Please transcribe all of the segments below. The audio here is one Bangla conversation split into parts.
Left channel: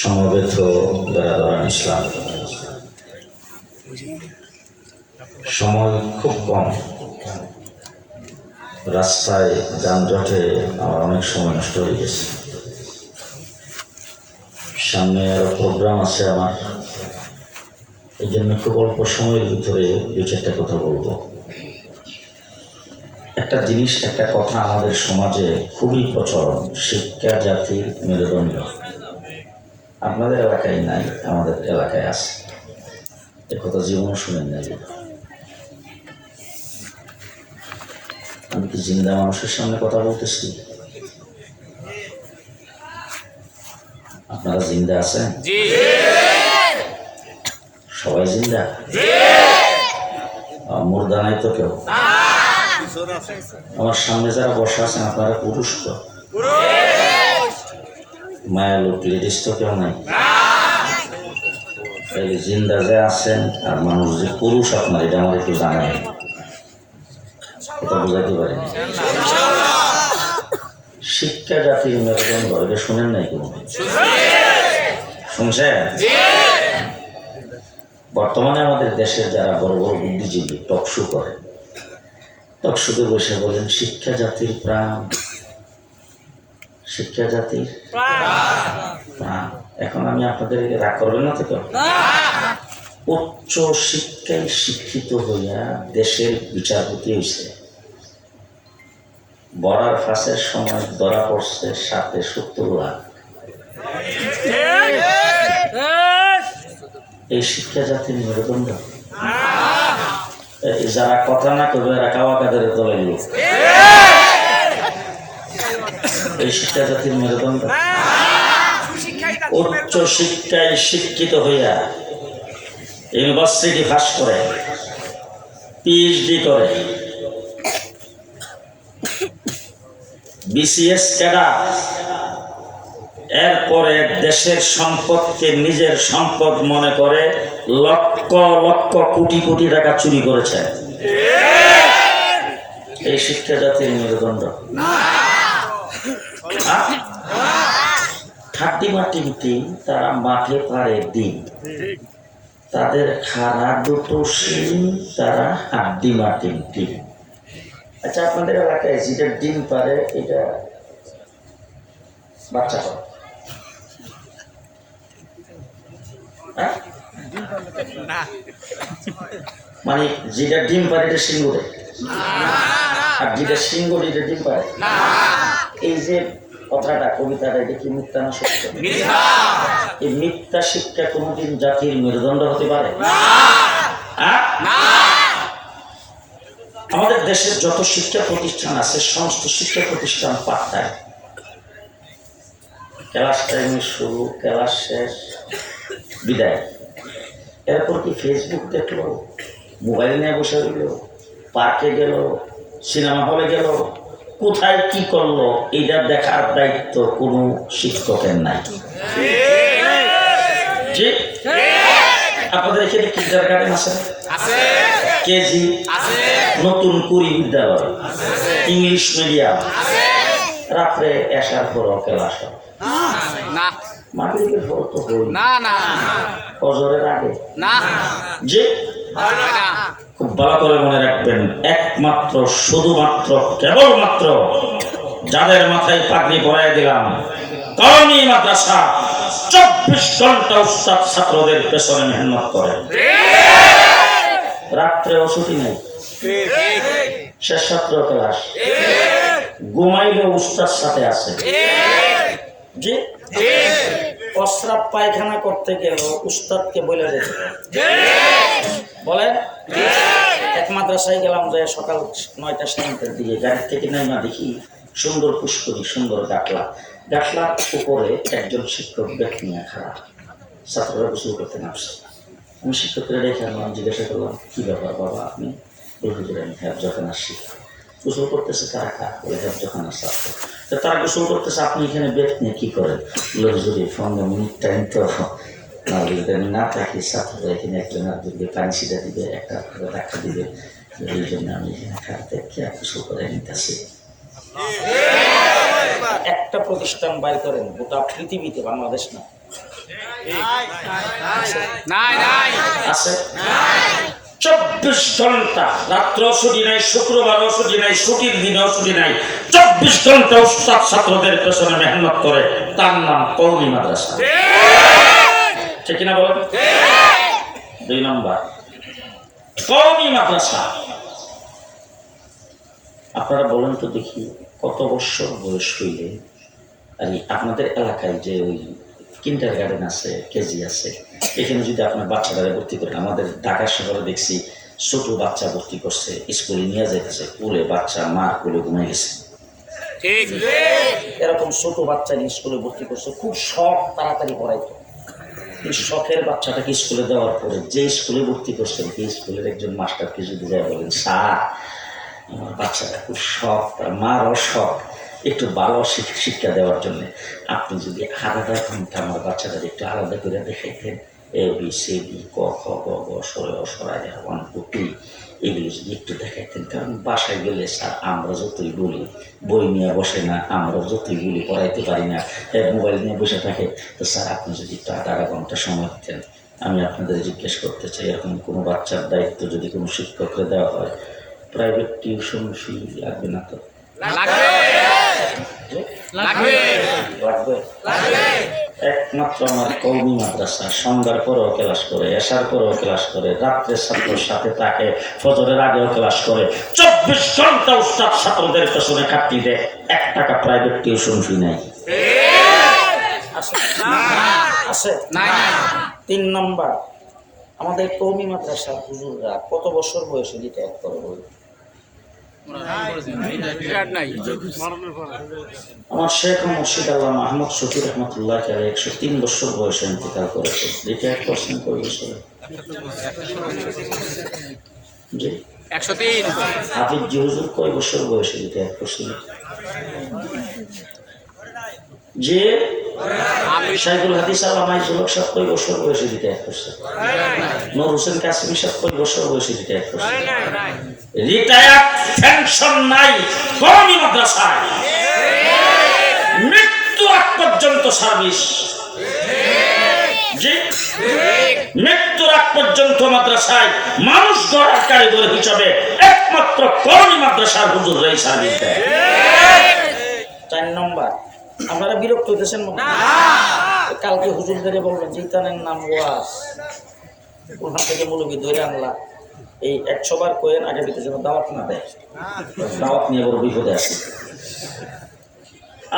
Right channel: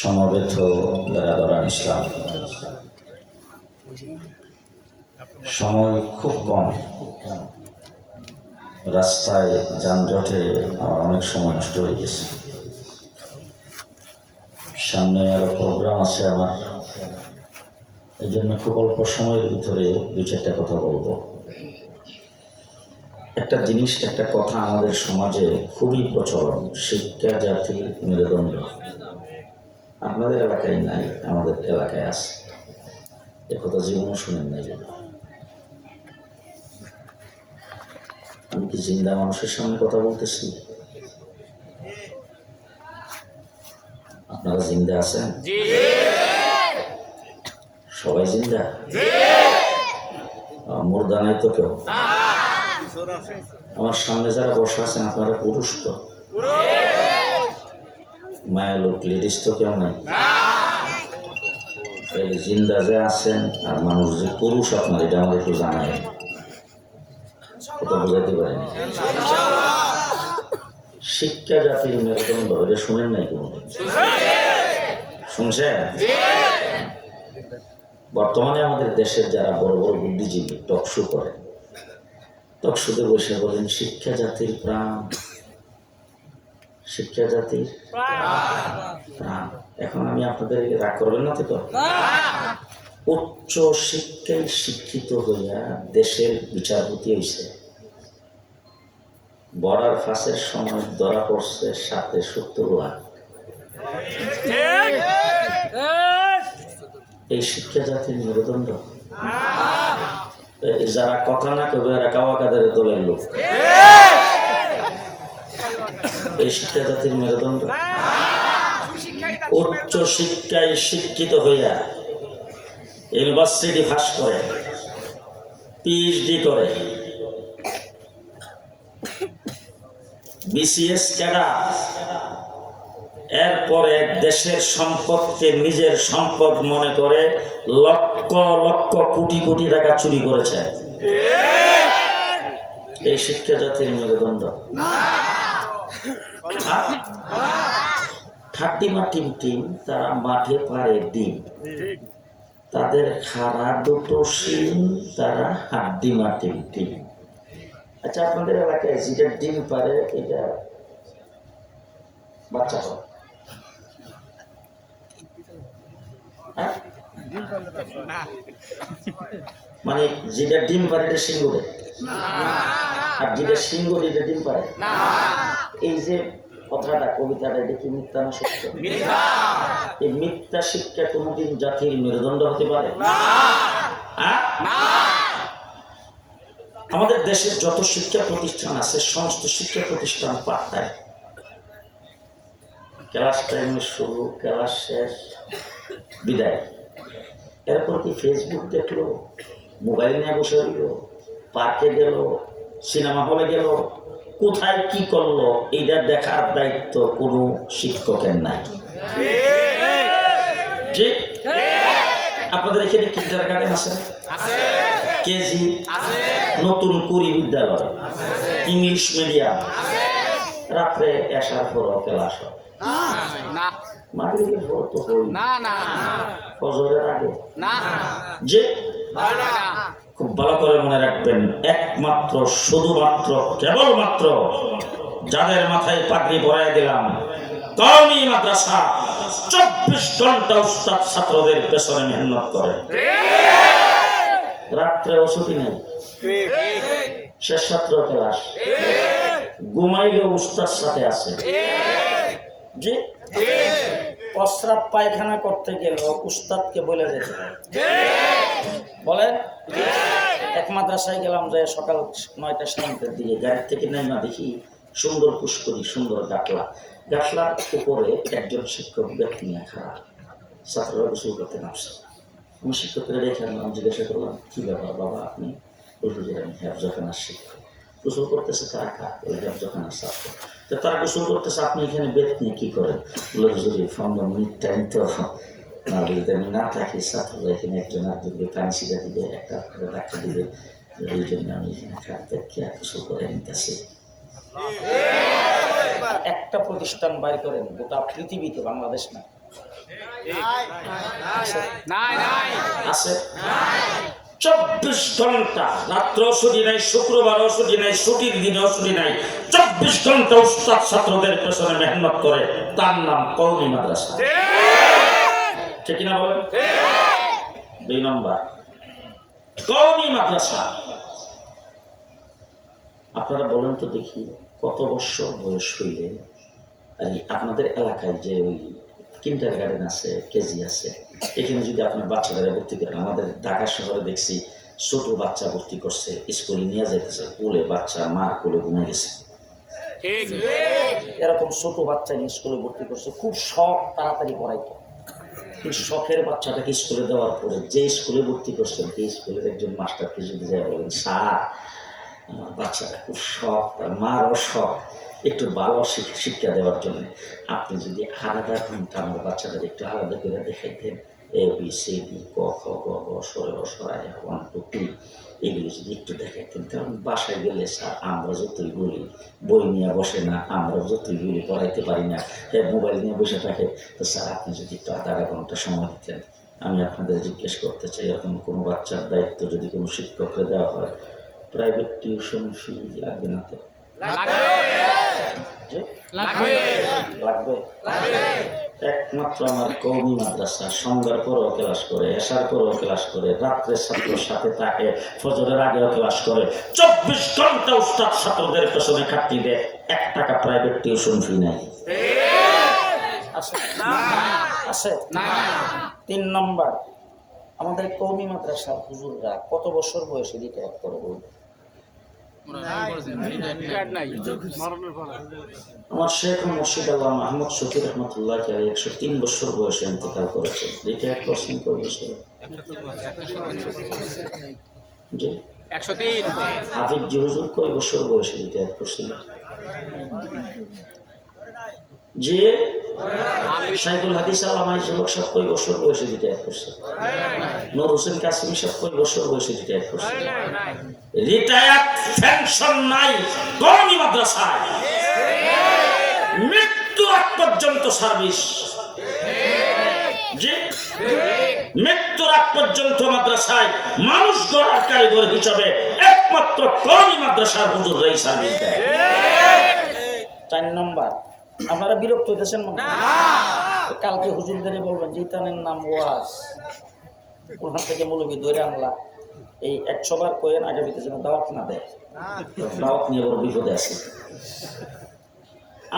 সমবেত বেরাদরান ইসলাম, সময় খুব কম। রাস্তায় যানজটে আমার অনেক সময় নষ্ট হয়ে গেছে। সামনে আরো প্রোগ্রাম আছে আমার, এই জন্য খুব অল্প সময়ের ভিতরে দু চারটা কথা বলবো। একটা জিনিস, একটা কথা আমাদের সমাজে খুবই প্রচলন, শিক্ষা জাতির মেরুদণ্ড। আপনাদের এলাকায় নাই, আমাদের এলাকায় আছে। এ কথা জীবনে শুনেন নাই। আমি কি জিন্দা মানুষের সামনে কথা বলতেছি? আপনারা জিন্দা আছেন? সবাই জিন্দা? মুর্দা নাই তো কেউ? আমার সামনে যারা বসা আছেন আপনারা পুরুষ তো? মায়া লোক লেডিস তো কেউ নাই? এই জিন্দা যে আছেন আর মানুষ যে পুরুষ আপনার, এটা আমাদের কেউ জানেন, এটা বোঝাতে পারেন। শিক্ষা জাতির মেরুদণ্ড, এটা শুনেন নাই কোনদিন? শুনছেন? বর্তমানে আমাদের দেশের যারা বড় বড় বুদ্ধিজীবী টকশো করে, টকশোতে বসে বলেন শিক্ষা জাতির প্রাণ, শিক্ষা জাতির প্রাণ। এখন আমি আপনাদের রাগ করবেন না তো? উচ্চ শিক্ষায় শিক্ষিত হইয়া দেশের বিচারপতি হয়েছে, বড়ার ফাঁসের সময় ধরা পড়ছে ৭৭ লাখ। এই শিক্ষা জাতির মেরুদণ্ড। যারা কথা না করবে এরা কাওয়া কাদের দলের লোক। এই শিক্ষা জাতির মেরুদণ্ড। উচ্চ শিক্ষায় শিক্ষিত হইয়া ইউনিভার্সিটি পাস করে, পিএইচডি করে, বিসিএস ক্যাডার, এরপরে দেশের সম্পদকে নিজের সম্পদ মনে করে লক্ষ লক্ষ কোটি কোটি টাকা চুরি করেছে। এই শিক্ষা জাতির মেরুদণ্ড। ঠাট্টি মাটি দিন, তারা মাঠে পারে দিন, তাদের খাড়া দুটো শিম, তারা হাড্ডি মাটি ডিম। আচ্ছা, আপনাদের এলাকায় যেটা ডিম পারে এটা বাচ্চা হয়? মানে যেটা ডিম পারে এটা সিঙ্গুরে, আর যেটা সিঙ্গুর এটা ডিম পারে। এই যে কথাটা, কবিতাটা, এটা কি মিথ্যা না সত্য? এই মিথ্যা শিক্ষা কোনদিন জাতির মেরুদণ্ড হতে পারে? আমাদের দেশের যত শিক্ষা প্রতিষ্ঠান আছে সমস্ত শিক্ষা প্রতিষ্ঠান পাঠদায়। ক্লাস টাইমের শুরু, ক্লাস শেষ, বিদায়। এরপর কি ফেসবুক দেখলো, মোবাইল নিয়ে বসে রইল, পার্কে গেল, সিনেমা হলে গেল, কোথায় কি করলো এইটা দেখার দায়িত্ব কোনো শিক্ষকের নাই। ঠিক? আপনাদের এখানে কিন্ডারগার্টেন আছে, কেজি, নতুন কুড়ি বিদ্যালয়, ইংলিশ মিডিয়াম, রাত্রে আসার পর ক্লাস হয়। মাগরিবের পর তো হই না, ফজরের আগে না। যে খুব ভালো করে মনে রাখবেন, একমাত্র শুধুমাত্র কেবলমাত্র যাদের মাথায় পাগড়ি পরাই দিলাম, কারণ এই মাদ্রাসা 24 ঘন্টা উস্তাদ ছাত্রদের পেছনে মেহনত করে, রাত্রে ছুটি নেই, শেষ ছাত্র ক্লাস, ঘুমাইলেও উস্তাদ সাথে আছে। জি, প্রস্রাব পায়খানা করতে গেল উস্তাদকে বলে যেতে বলেন। এক মাদ্রাসায় গেলাম, যে সকাল 9টা 7টার দিকে গাড়ি থেকে নাইমা দেখি সুন্দর পুষ্করি, সুন্দর গাছলার উপরে একজন শিক্ষক ব্যাগ নিয়ে খারাপ, ছাত্ররা গোসল করতে নামছে। আমি শিক্ষকরা রেখে আনলাম, জিজ্ঞাসা করলাম কি ব্যাপার বাবা আপনি? আমি হেফজখানার শিক্ষক। গোসল করতেছে তারা খা, বলে হেফজখানার ছাত্র। তারা গোসল করতেছে, আপনি এখানে ব্যাগ নিয়ে কি করেন? যদি 15 মিনিট টাইম তো না থাকি, ছাত্ররা এখানে একজন আর দিবে, পানি ছিটা দিবে, একটা রাখা দিবে, এই জন্য আমি এখানে খাতে গোসল করে নিতেছি। একটা প্রতিষ্ঠান বাইর করেন গোটা পৃথিবীতে, বাংলাদেশ না, আছে 24 ঘন্টা, রাত্র ছুটি নাই, শুক্রবারও ছুটি নাই, ছুটির দিনেও ছুটি নাই, 24 ঘন্টা উস্তাদ ছাত্রদের পেছনে মেহনত করে, তার নাম কওমি মাদ্রাসা। ঠিক কিনা বলেন? 2 নম্বর কওমি মাদ্রাসা। আপনারা বলেন তো দেখি, কত বছর বয়স হইলে আপনাদের এলাকায় যে ওই কিন্ডার গার্ডেন আছে, কেজি আছে, এখানে যদি আপনার বাচ্চারা ভর্তি করেন, আমাদের ঢাকা শহরে দেখছি ছোট বাচ্চা ভর্তি করছে, স্কুলে নিয়ে যেতেছে, কোলে বাচ্চা মার কোলে ঘুমাই গেছে, এরকম ছোট বাচ্চা স্কুলে ভর্তি করছে, খুব শখ তাড়াতাড়ি পড়াইতো। এই শখের বাচ্চাটাকে স্কুলে দেওয়ার পরে যে স্কুলে ভর্তি করছেন, এই স্কুলের একজন মাস্টারকে যদি যায় বলেন, স্যার আমার বাচ্চাটা খুব শখ, তার মারও শখ, একটু ভালো শিক্ষা দেওয়ার জন্য আপনি যদি আলাদা ঘন্টা আমার বাচ্চাটাকে একটু আলাদা করে দেখাইতেন, এ বি সি ডি ক খ গ ঘ সরে অসরায় 1 2 3 এগুলো যদি একটু দেখাইতেন। কারণ বাসায় গেলে স্যার আমরা যতই বলি, বই নিয়ে বসে না, আমরা যতই বলি পড়াইতে পারি না, মোবাইল নিয়ে বসে থাকে, তো স্যার আপনি যদি একটু আধা ঘন্টা সময় দিতেন। আমি আপনাদের জিজ্ঞেস করতে চাই, এখন কোনো বাচ্চার দায়িত্ব যদি কোনো শিক্ষককে দেওয়া হয়, প্রাইভেট টিউশন ফি লাগবে না তো? একমাত্র আমার কওমি মাদ্রাসা সন্ধ্যার পরেও ক্লাস করে, এশার পরেও ক্লাস করে, রাত্রে ছাত্রের সাথে থাকে, ফজরের আগেও ক্লাস করে, 24 ঘন্টা উস্তাদ ছাত্রদের পেছনে খাটতি দেয়, 1 টাকা প্রাইভেট টিউশন ফি নাই। আছে? 3 নম্বর, আমাদের কওমি মাদ্রাসা হুজুররা কত বছর বয়সে রিটায়ার করে বলে? আমার শেখ মুর্শিদ আল্লাহ মাহমুদ শফি রহমতুল্লাহ 103 বছর বয়সে ইন্তেকাল করেছে। রিটায়ার করছেন কয় বছরে? জি 103। হাফিজ জি হুজুর কয় বছর বয়সে রিটায়ার করছেন? যে শাইখুল হাদিস আল্লামা ইসলাম সাহেব কয় বছর বয়সে রিটায়ার করছে? নূর হোসেন কাসিমি সাহেব কয় বছর বয়সে রিটায়ার করছে? রিটায়ার পেনশন নাই কওমি মাদ্রাসায়, মৃত্যু আগ পর্যন্ত সার্ভিস। জি মৃত্যুর আগ পর্যন্ত মাদ্রাসায় মানুষ গড়ার কারিগর হিসাবে একমাত্র কওমি মাদ্রাসার হুজুররাই সার্ভিস দেয়। 4 নম্বর, আপনারা বিরক্ত হইতেছেন মনে হয়, কালকে হুজুরদের বলবেন যে ইতানের নাম ওয়াজ, ওখান থেকে মুলুকি ধরে আনলা, এই 100 বার কয়েন আগে ভিতরে যেন দাওয়াত না দেয়, দাওয়াত নিয়ে বড় বিপদে আছে।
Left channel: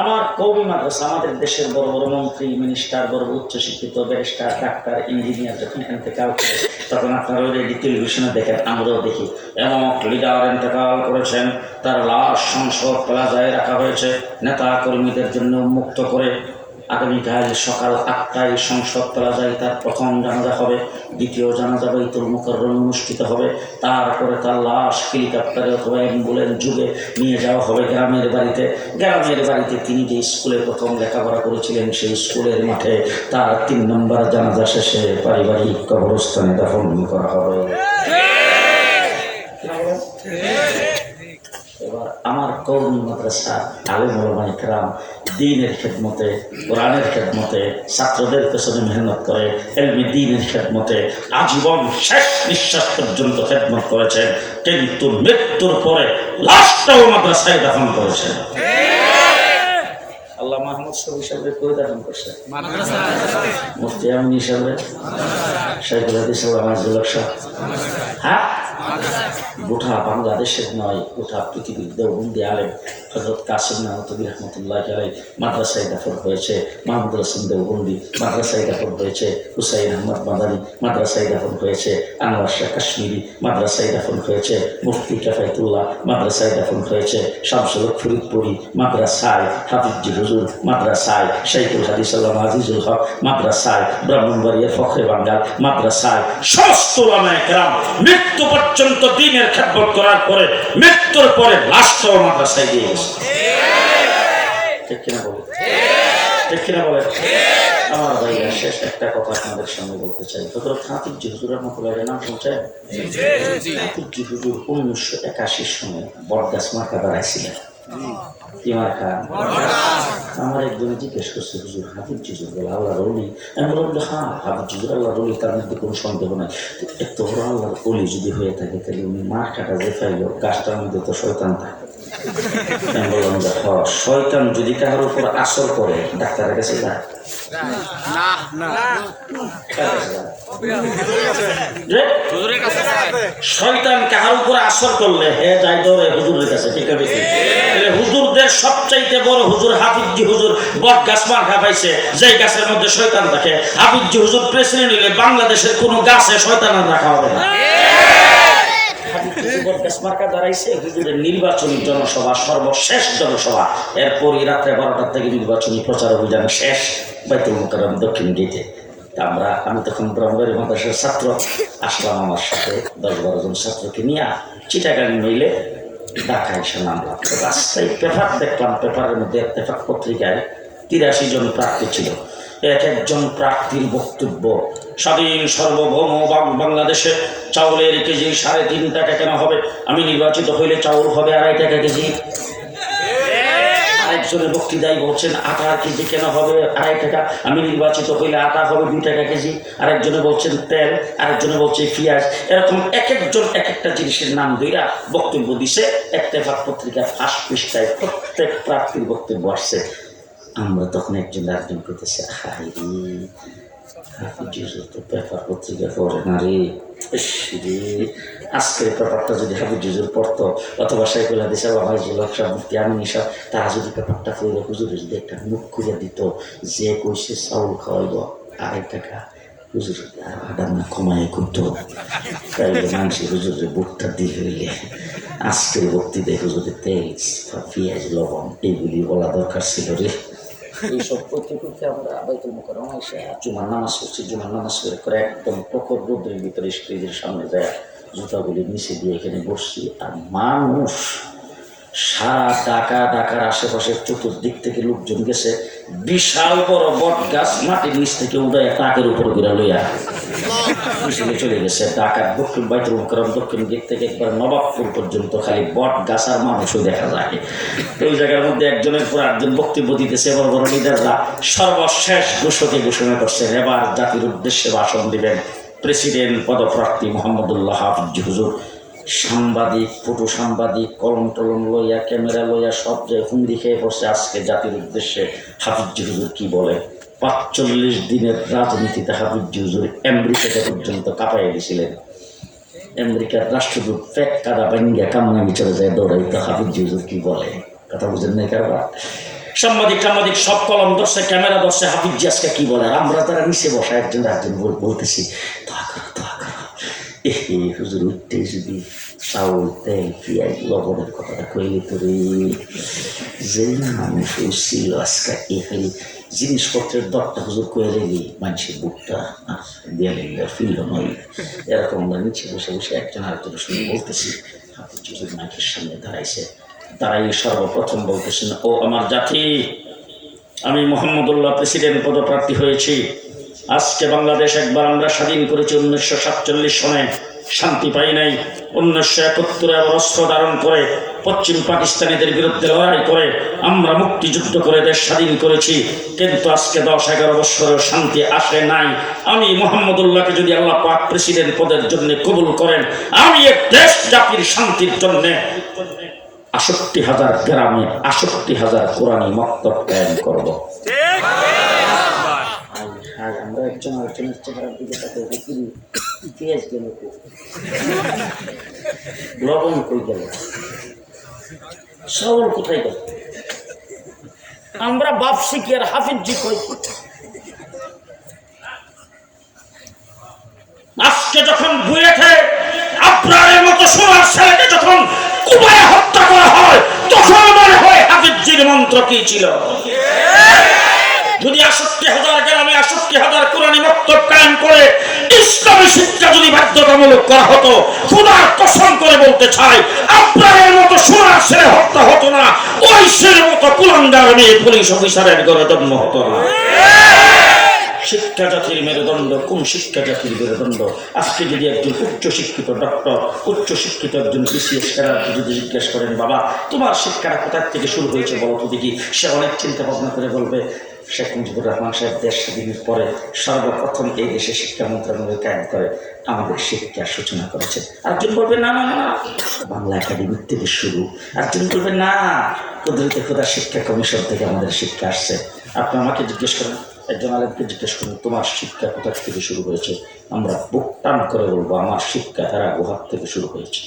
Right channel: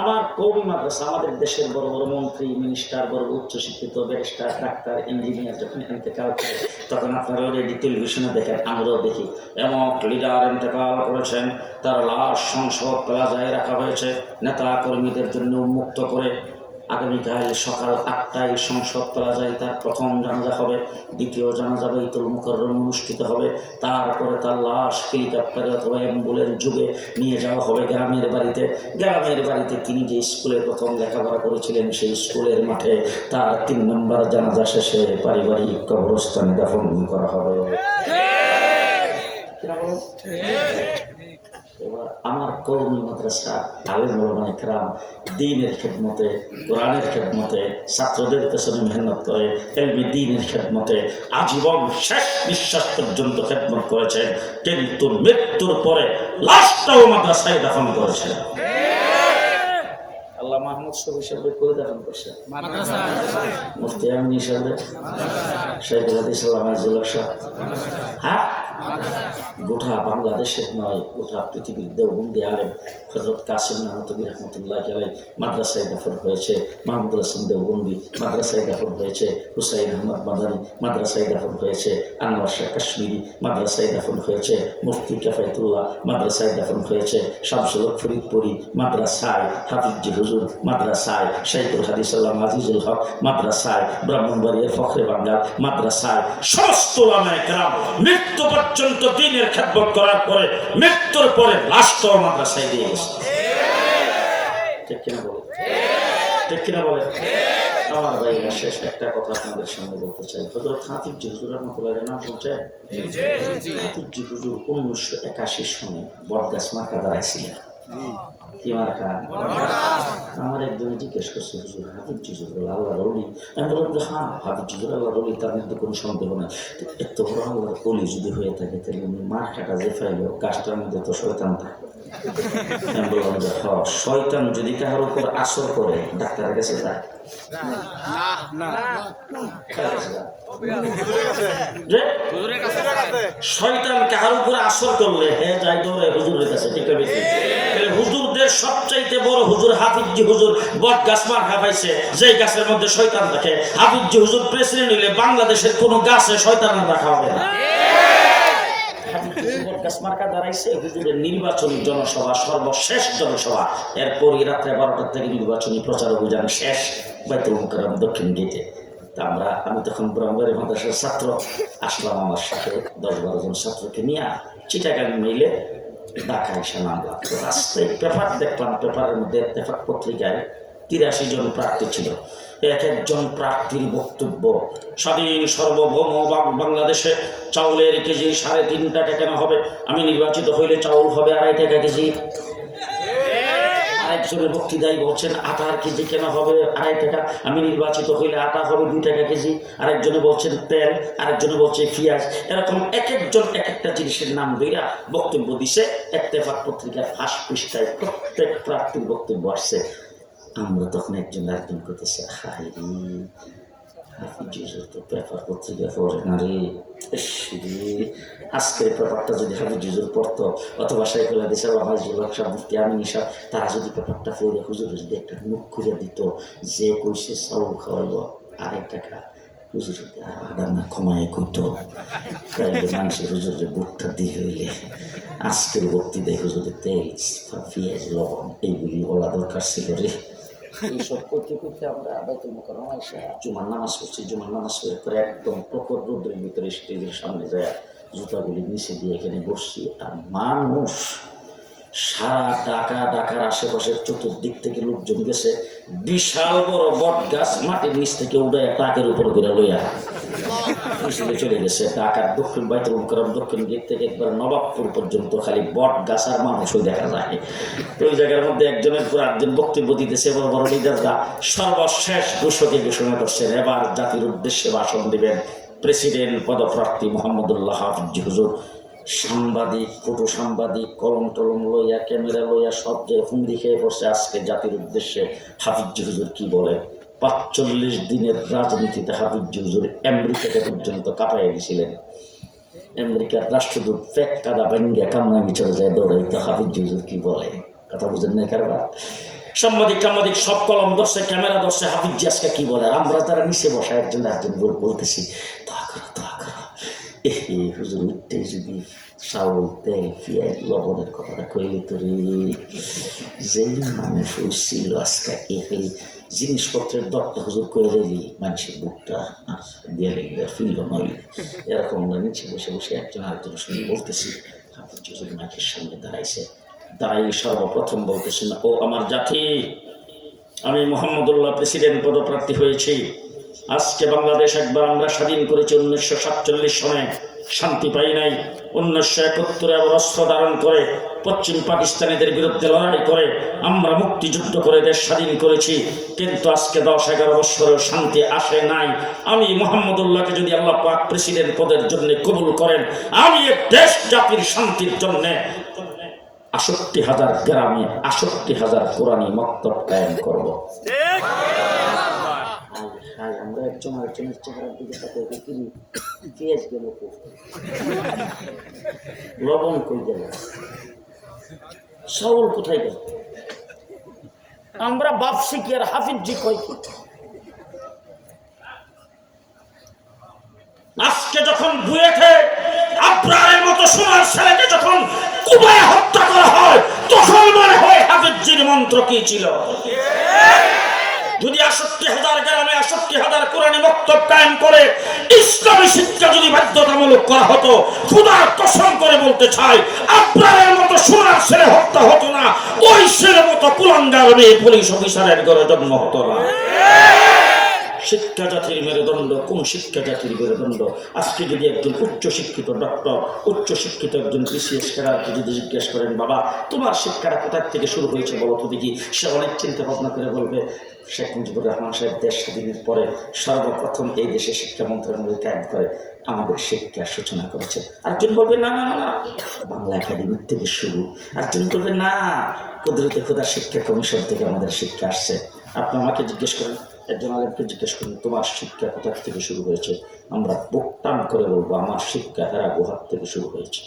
আমার কওমি মাদ্রাসা, আমাদের দেশের বড় বড় মন্ত্রী, মিনিস্টার, বড় উচ্চশিক্ষিত ব্যারিস্টার, ডাক্তার, ইঞ্জিনিয়ার যখন এখান থেকে আউট করে, তখন আপনারা রেডি টেলিভিশনে দেখেন, আমরাও দেখি, এমন লিডার ইন্তেকাল করেছেন, তার লাশ সংসদ প্লাজায় রাখা হয়েছে, নেতা কর্মীদের জন্য উন্মুক্ত করে। আগামীকাল সকাল 8টায় সংসদ প্লাজায় তার প্রথম জানাজা হবে, দ্বিতীয় জানাজা বাইতুল মুকাররম অনুষ্ঠিত হবে, তারপরে তার লাশ হেলিকপ্টারে অথবা অ্যাম্বুলেন্স যুগে নিয়ে যাওয়া হবে গ্রামের বাড়িতে। গ্রামের বাড়িতে তিনি যে স্কুলে প্রথম লেখাপড়া করেছিলেন, সেই স্কুলের মাঠে তার 3 নম্বর জানাজা শেষে পারিবারিক কবরস্থানে দাফন করা হবে। এবার আমার কওমি মাদ্রাসা আলেম ওলামা ইকরাম দ্বীনের খেদমতে, কোরআনের খেদমতে, ছাত্রদের পেছনে মেহনত করে, ইলমি দ্বীনের খেদমতে আজীবন শেষ নিঃশ্বাস পর্যন্ত খেদমত করেছেন, কিন্তু মৃত্যুর পরে লাশটাও মাদ্রাসায় দাফন করেছেন। আল্লাহ মাহমুদ শফি সাহেবের কই দাফন করছেন? মুফতি আমিন সাহেবের, শাইখুল হাদিস আল্লামা ইসলাম সাহেব, হ্যাঁ গোটা বাংলাদেশের নয়, গোটা পৃথিবীর দেওবন্দি আলেম হযরত কাসিম নানতুবি রহমতুল্লাহ আলাইহি মাদ্রাসায় দাফন হয়েছে। মাহমুদুল হাসান দেওবন্দি মাদ্রাসায় দাফন হয়েছে। হুসাইন আহমদ মাদানী মাদ্রাসায় দাফন হয়েছে। আনোয়ার শাহ কাশ্মীরি মাদ্রাসায় দাফন হয়েছে। মুফতি কাফায়েতুল্লাহ মাদ্রাসায় দাফন হয়েছে। শামসুল হক ফরিদপুরি মাদ্রাসায়, হাফিজ জি হুজুর মাদ্রাসায়, শাইখুল হাদিস আল্লামা আজিজুল হক মাদ্রাসায়, ব্রাহ্মণবাড়িয়া ফখরে বাঙ্গাল মাদ্রাসায়। সমস্ত উলামায়ে কেরাম মৃত্যু পর্যন্ত দ্বীনের খেদমত করার পরে মৃত্যুর পরে লাশটাও মাদ্রাসায় দিয়ে গেছে। ঠিক কিনা বলে? ঠিক কিনা বলে? আমার ভাইয়া, শেষ একটা কথা আপনাদের সামনে বলতে চাই। হযরত হাফিজ জি হুজুর রহমতুল্লাহির নাম শুনছেন? হাফিজ জি হুজুর 1981 সনে বটগাছ মার্কা দাঁড়াইছিলেন। কি মার্কা? আমার একজনে জিজ্ঞেস করছে, হুজুর হাফিজ জিজুর বলে আল্লাহ রলি? আমি বললাম হ্যাঁ, হাফিজ জিজুর আল্লাহ রলি, তার মধ্যে কোনো সন্দেহ নাই। এত বড় আল্লাহর অলি যদি হয়ে থাকে তাহলে উনি মার্কাটা যে পাইল গাছটার মধ্যে তো শয়তান থাকে। আমি বললাম যে শয়তান যদি কাহার উপর আসর করে ডাক্তারের কাছে যায়? শয়তান কাহার উপর আসর করলে হে যাই দৌড়ে হুজুরের কাছে। ঠিক আছে, হুজুরদের সবচাইতে বড় হুজুর হাফিজি হুজুর বট গাছ মার্কা পাইছে, যেই গাছের মধ্যে শয়তান থাকে। হাফিজি হুজুর প্রেসিডেন্ট হইলে বাংলাদেশের কোনো গাছে শয়তান রাখা হবে না। নির্বাচনী জনসভা, সর্বশেষ জনসভা, এরপরই রাত্রে 12টার থেকে নির্বাচনী প্রচার অভিযান শেষ বাইতুল মুকাররম দক্ষিণ গেটে। আমি তখন ব্রহ্মের মাদ্রাসার ছাত্র, আসলাম আমার সাথে 10-12 জন ছাত্রকে নিয়ে চিটাগাং মেইলে ঢাকা এসে নামলাম। রাস্তায় পেপার দেখলাম, পেপারের মধ্যে ইত্তেফাক পত্রিকায় 83 জন প্রার্থী ছিল। এক একজন প্রার্থীর বক্তব্য, স্বাধীন সার্বভৌম বাংলাদেশে চাউলের কেজি 3.5 টাকা কেন হবে? আমি নির্বাচিত হইলে চাউল হবে 2.5 টাকা কেজি। আরেকজনের বক্তৃতায় বলছেন আটার কেজি কেন হবে 2.5 টাকা? আমি নির্বাচিত হইলে আটা হবে 2 টাকা কেজি। আরেকজনে বলছেন তেল, আরেকজনে বলছে পেঁয়াজ। এরকম এক একজন এক একটা জিনিসের নাম দইরা বক্তব্য দিছে। ইত্তেফাক পত্রিকার ফার্স্ট পৃষ্ঠায় প্রত্যেক প্রার্থীর বক্তব্য আসছে। আমরা তখন একজন আরেকজন করতেছি, পেপার পত্রিকা পড়ে না রে, আজকের পেপারটা যদি হাফিজ হুজুর পড়তো, অথবা সাইকুল্লাহ দিশা বাবা সব মুফতি আমিনী সব, তারা যদি পেপারটা পড়ে হুজুরে যদি একটা মুখ খুঁজে দিত যে কইছে চাউল খাওয়াইব 2.5 টাকা, হুজুর আডা না কমাই করতো, তাইলে মানুষের হুজুরের বুকটা দিয়ে হইলে আজকের বক্তৃতায় হুজুরের তেল পেঁয়াজ লবণ এইগুলি বলা দরকার ছিল রে। এইসব করতে করতে আমরা বাইতুল মুকাররম এসে জুমার নামাজ করছি। জুমার নামাজ করে একদম প্রখর রোদের ভিতরে স্টেজের সামনে যায় জুতাগুলি নিচে দিয়ে এখানে বসছি। আর মানুষ সারা ঢাকার আশেপাশের চতুর্দিক থেকে লোকজন গেছে। বিশাল বড় বট গাছ মাটির নিচ থেকে উঠে টাকের উপর করে লইয়া চলে গেছে। ঢাকার দক্ষিণ বাইতুল মুকাররম দক্ষিণ দিক থেকে একবার নবাবপুর পর্যন্ত খালি বট গাছ আর মানুষও দেখা যায়। ওই জায়গার মধ্যে একজনের পর একজন বক্তব্য দিতেছে। বড় বড় লিডাররা সর্বশেষ ঘোষণা করছে এবার জাতির উদ্দেশ্যে ভাষণ দিবেন প্রেসিডেন্ট পদপ্রার্থী মোহাম্মদুল্লাহ হাফিজ হুজুর। সাংবাদিক, ফটো সাংবাদিক, কলম টলম লইয়া, ক্যামেরা লইয়া সব যে হুমড়ি খেয়ে পড়ছে আজকে জাতির উদ্দেশ্যে হাফিজ হুজুর কি বলে। 45 দিনের রাজনীতিতে হাফিজ হুজুর আমেরিকাতে পর্যন্ত কাঁপাইয়া দিয়েছিলেন। আমেরিকার রাষ্ট্রদূত ফেক কাদা বাঙ্গিয়া কামরাঙ্গি চলে যায় দৌড়াইতে হাফিজ হুজুর কি বলে। কথা বুঝেন নাই কারবার? সাংবাদিক সব কলম ধরছে, ক্যামেরা ধরছে, হাফিজ আজকে কি বলে। আর আমরা তারা নিচে বসা একজন বলতেছি দোয়া করো দোয়া করো। হুজুর উঠতে যদি চাউল তেল পেঁয়াজ লবণের কথাটা কইলে তো রে যে মানুষ ছিল আজকে এই জিনিসপত্রের দরটা হুজুর কয়ে রেলি মানুষের বুকটা দেয়ালে ফিল নয়। এরকম আমরা নিচে বসে বসে একজন আরেকজনের সঙ্গে বলতেছি। হাফিজ হুজুর মাইকের সামনে দাঁড়াই সর্বপ্রথম বলতেছেন, ও আমার জাতি, আমি মোহাম্মদুল্লাহ প্রেসিডেন্ট পদপ্রার্থী হয়েছি। আজকে বাংলাদেশ একবার আমরা স্বাধীন করেছি 1947 সনে, শান্তি পাই নাই। 1971 আবার অস্ত্র ধারণ করে পশ্চিম পাকিস্তানিদের বিরুদ্ধে লড়াই করে আমরা মুক্তিযুদ্ধ করে দেশ স্বাধীন করেছি। কিন্তু আজকে 10-11 বছরেও শান্তি আসে নাই। আমি মোহাম্মদুল্লাহকে যদি আল্লাহ পাক প্রেসিডেন্ট পদের জন্য কবুল করেন, আমি এ দেশ জাতির শান্তির জন্য 68,000 গ্রামে 68,000 কোরআনী মক্তব কায়েম করব। আমরা একজন আরেকজনের চেহারার দিকে তাকিয়ে দেখি পেঁয়াজ গেল, লবণ কই গেল, চাউল কোথায় গেল। আমরা ভাবছি কি আর হাফিজি কই। আজকে যখন বুয়েটে আপনার মতো সোনার ছেলেকে যখন কুপায়ে হত্যা করা হয়, তখন মনে হয় হাফিজির মন্ত্র কি ছিল। যদি 68,000 গ্রামে 68,000 কোরআনী মক্তব কায়েম করে ইসলামী শিক্ষা যদি বাধ্যতামূলক করা হতো, খোদার কসম করে বলতে চাই আপনার মতো সোনার ছেলে হত্যা হতো না, ওই ছেলের মতো কুলাঙ্গার মেয়ে পুলিশ অফিসারের ঘরে জন্ম হতো না। শিক্ষা জাতির মেরুদণ্ড, কোন শিক্ষা জাতির মেরুদণ্ড? আজকে যদি একজন উচ্চশিক্ষিত ডক্টর, উচ্চশিক্ষিত একজন বিসিএস ক্যাডারকে যদি জিজ্ঞেস করেন, বাবা তোমার শিক্ষাটা কোথায় থেকে শুরু হয়েছে বলো তো দেখি, সে অনেক চিন্তা ভাবনা করে বলবে, শেখ মুজিবুর রহমান সাহেব দেশ স্বাধীনের পরে সর্বপ্রথম এই দেশে শিক্ষা মন্ত্রণালয় কায়েম করে আমাদের শিক্ষার সূচনা করেছে। আরেকজন বলবে না না না, বাংলা একাডেমির থেকে শুরু। আরেকজন বলবে না, কুদরতে খোদা শিক্ষা কমিশন থেকে আমাদের শিক্ষা আসছে। আপনি আমাকে জিজ্ঞেস করেন, একজন আলেমকে জিজ্ঞেস করুন তোমার শিক্ষা কোথা থেকে শুরু হয়েছে, আমরা বুক টান করে বলবো আমার শিক্ষা হেরা গুহার থেকে শুরু হয়েছে।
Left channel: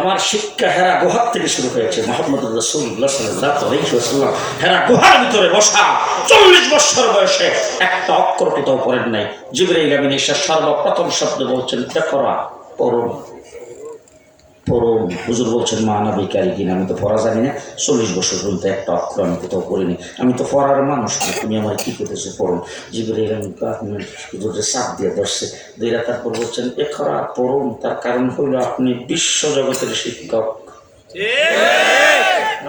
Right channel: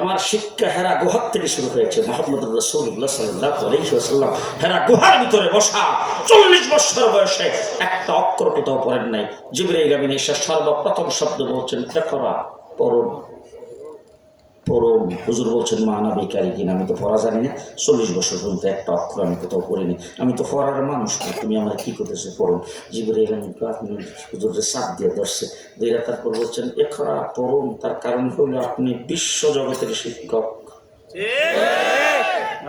আমার শিক্ষা হেরা গুহার থেকে শুরু হয়েছে। মুহাম্মদ রাসূলুল্লাহ সাল্লাল্লাহু আলাইহি ওয়াসাল্লাম হেরা গুহার ভিতরে বসা 40 বছর বয়সে একটা অক্ষর কোথাও পড়েন নাই। জিবরাইল আমিন এসে সর্বপ্রথম শব্দ বলছেন ইকরা, পড়ুন পড়ুন। হুজুর বলছেন মা নবী কারিকিন, আমি তো পড়া জানি না, 40 বছর পর্যন্ত একটা অক্ষর আমি কোথাও পড়িনি, আমি তো পড়ার মানুষ না, তুমি আমার কি করতেছো পড়ুন। জিবরাইল আমিন হুজুরের চাপ দিয়ে ধরছে, দুইরা তারপর বলছেন ইকরা, পড়ুন। তার কারণ হলো আপনি বিশ্বজগতের শিক্ষক,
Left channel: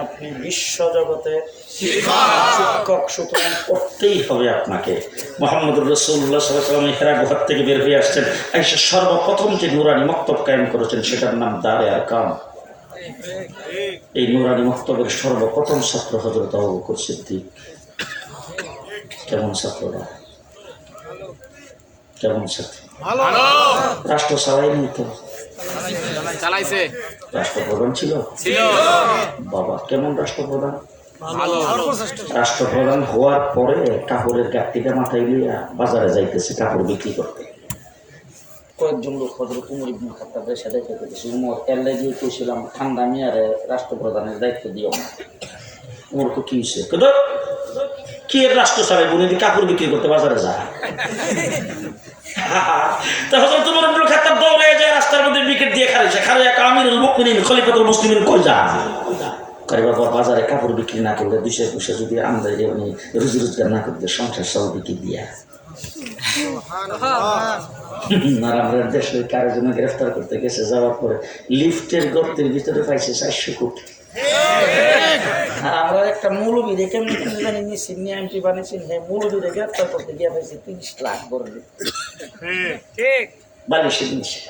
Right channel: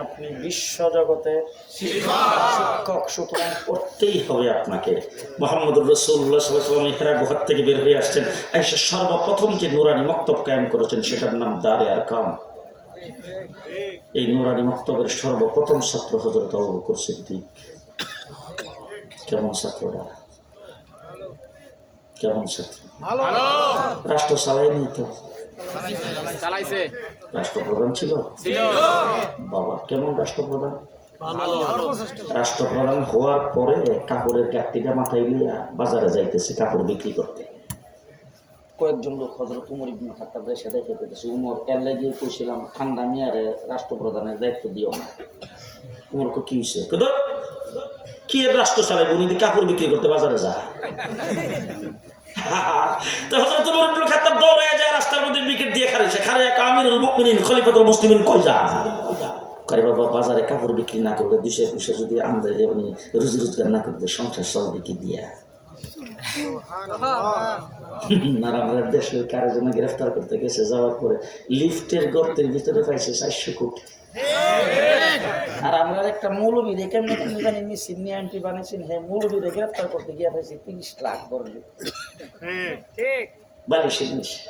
আপনি বিশ্বজগতের শিক্ষক, সুতরাং পড়তেই হবে আপনাকে। মুহাম্মদ রাসূলুল্লাহ সাল্লাল্লাহু আলাইহি ওয়াসাল্লাম হেরা গুহা থেকে বের হয়ে আসছেন, এসে সর্বপ্রথম যে নুরানি মক্তব কায়েম করেছেন সেটার নাম দারে আরকাম। এই নুরানি মক্তবের সর্বপ্রথম ছাত্র হযরত আবু বকর সিদ্দিক। কেমন ছাত্ররা, কেমন ছাত্র? রাষ্ট্র চালাইনি তো, রাষ্ট্রপ্রধান ছিল বাবা। কেমন রাষ্ট্রপ্রধান? রাষ্ট্রপ্রধান হওয়ার পরে কাপড়ের গাঁটটিটা মাথায় লিয়া বাজারে যাইতেছে কাপড় বিক্রি করতে। কয়েকজন লোক হযরত উমর ইবনে খাত্তাবের সাথে খেতেছে। উমর এলে গিয়ে কইছিলাম ঠান্ডা মিয়ারে রাষ্ট্রপ্রধানের দায়িত্ব দিও না। উমরকে কি হয়েছে? কি রাষ্ট্র চালায় উনি কাপড় বিক্রি করতে বাজারে যায়। তাহলে তোমার ইবনে খাত্তাব দৌড়ে যায় রাস্তার মধ্যে উইকেট দিয়ে খারিছে, খারিয়া আমিরুল মুমিনিন খলিফাতুল মুসলিমিন কই যান? কারি বাবা বাজারে কাপড় বিক্রি না করলে 200 পয়সা যদি আমদানি উনি রুজি রোজগার না করতে সংসার চলবে কি দিয়া? আর আমাদের দেশের কারজন গ্রেফতার করতে গেছে, যাওয়ার পরে লিফটের গর্তের ভিতরে পাইছে 400 কোটি। আর আমরা একটা মৌলবী রেখে জানি নিচ্ছি এমপি বানিয়েছি, হ্যাঁ মৌলবীরে গ্রেফতার করতে গিয়ে পাইছি 30 লাখ বলবে বালিশের নিচে।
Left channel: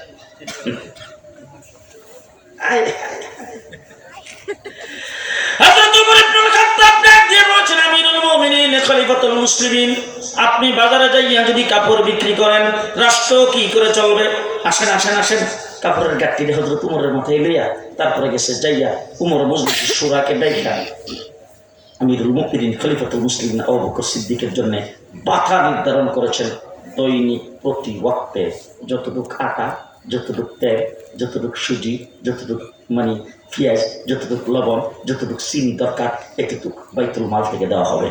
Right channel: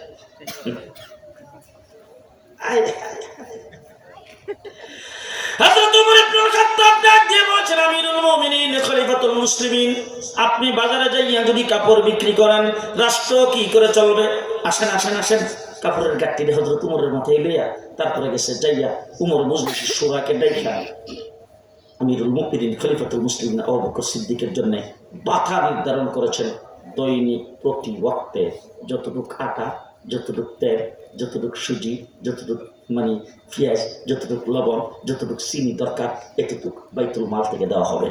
আপনি বাজারে যাইয়া যদি কাপড় বিক্রি করেন রাষ্ট্র কি করে চলবে? আসেন আসেন আসেন, কাপড়ের গাঁটটি হযরত উমরের মাথায় লইয়া তারপরে গেছে যাইয়া উমর মজলিস শুরাকে ডাইকা আমিরুল মুমিনিন খলিফাতুল মুসলিমিন আবু বকর সিদ্দিকের জন্য বাধা নির্ধারণ করেছেন। দৈনিক প্রতি ওয়াক্তে যতটুক আটা, যতটুক তেল, যতটুক সুজি, যতটুক পেঁয়াজ, যতটুক লবণ, যতটুক চিনি দরকার এতটুক বাইতুল মাল থেকে দেওয়া হবে।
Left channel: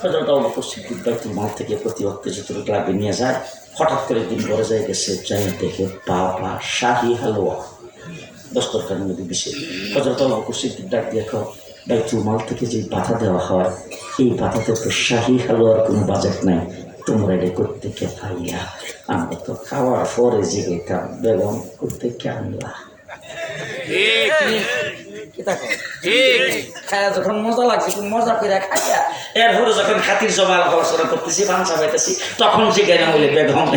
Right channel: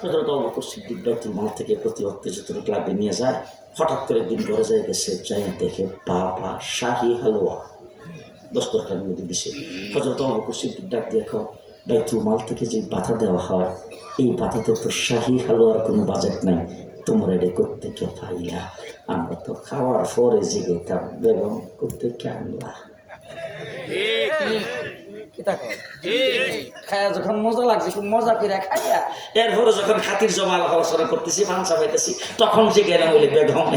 হযরত আবু বকর সিদ্দিক বাইতুল মাল থেকে প্রতি ওয়াক্তে যতটুক লাগবে নিয়ে যায়। হঠাৎ করে দিন বড় যায় গেছে, যাইয়া দেখে বাবা শাহী হালুয়া দস্তরখানির মধ্যে দিছে। হযরত আবু বকর সিদ্দিক ডাক দিয়ে বাইতুল মাল থেকে যে বাধা দেওয়া হয় এই বাধাতে তো শাহী হালুয়ার কোনো বাজেট নাই, তোমরা এটা করতে কে পাইলা? আমরা তো খাওয়ার পরে জেগে খাম, বেগম করতে কে আনলা? খায়া যখন মজা লাগছে খুব মজা করে খাইয়া এরপরে যখন খাতির জমা আলোচনা করতেছি ভাঙচা পাইতেছি তখন জেগে না বলে বেগম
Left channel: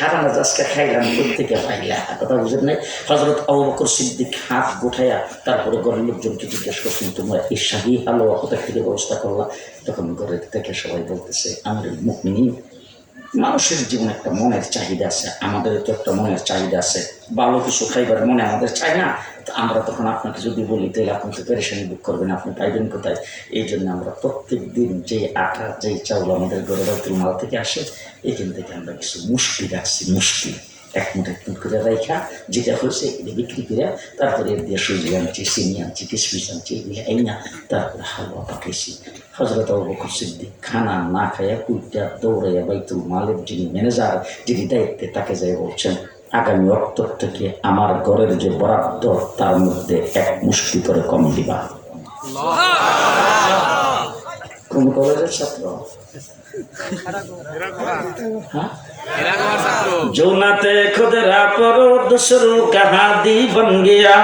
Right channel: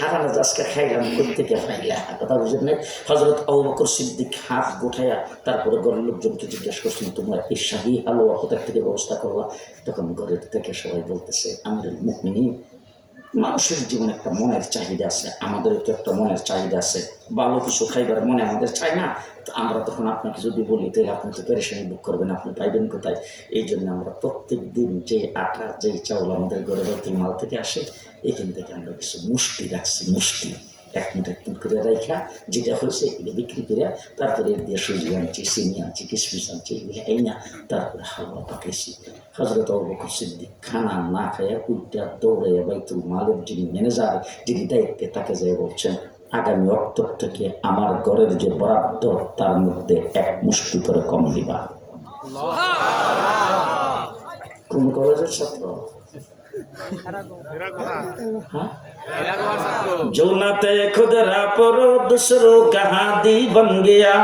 হারানো আজকে খাইলাম করতে কে পাইলা? কথা বুঝেন নাই? হযরত আবু বকর সিদ্দিক হাত গুঠাইয়া তারপরে ঘরের লোকজনকে জিজ্ঞেস করছেন তোমরা এই শাহী হালুয়া কোথা থেকে ব্যবস্থা করলা? তখন ঘরের থেকে সবাই বলতেছে আমিরুল মুমিনিন, মানুষের জীবনে একটা মনের চাহিদা আছে, আমাদের তো একটা মনের চাহিদা আছে, ভালো কিছু খাইবার মনে আমাদের চাই না? তো আমরা তখন আপনাকে যদি বলি তাহলে আপনি তো পেরেশানি বুক করবেন, আপনি পাইবেন কোথায়? এই জন্য আমরা প্রত্যেক দিন যে আটা যেই চাউল আমাদের ঘরে বাইতুল মাল থেকে আসে এখান থেকে আমরা কিছু মুষ্টি রাখছি, মুষ্টি এক মুঠে করে রাইখা যেটা হয়েছে এগুলো বিক্রি করে তারপরে এর দিয়ে সুজি আনছি, চিনি আনছি, কিশমিশ আনছি, এগুলো এই না তারপরে হালুয়া পাঠিয়েছি। হযরত আবু বকর সিদ্দিক খানা না খাইয়া কুইটা দৌড়াইয়া বাইতুল মালের যিনি ম্যানেজার, যিনি দায়িত্বে, তাকে যাই বলছেন আগামী অক্টোবর থেকে আমার ঘরের যে বরাদ্দ তার মধ্যে এক মুষ্টি করে কম দিবা। কোন কলেজের ছাত্র? হ্যাঁ, जो नाते खुद रापरो दूसरों का हादी बन गया,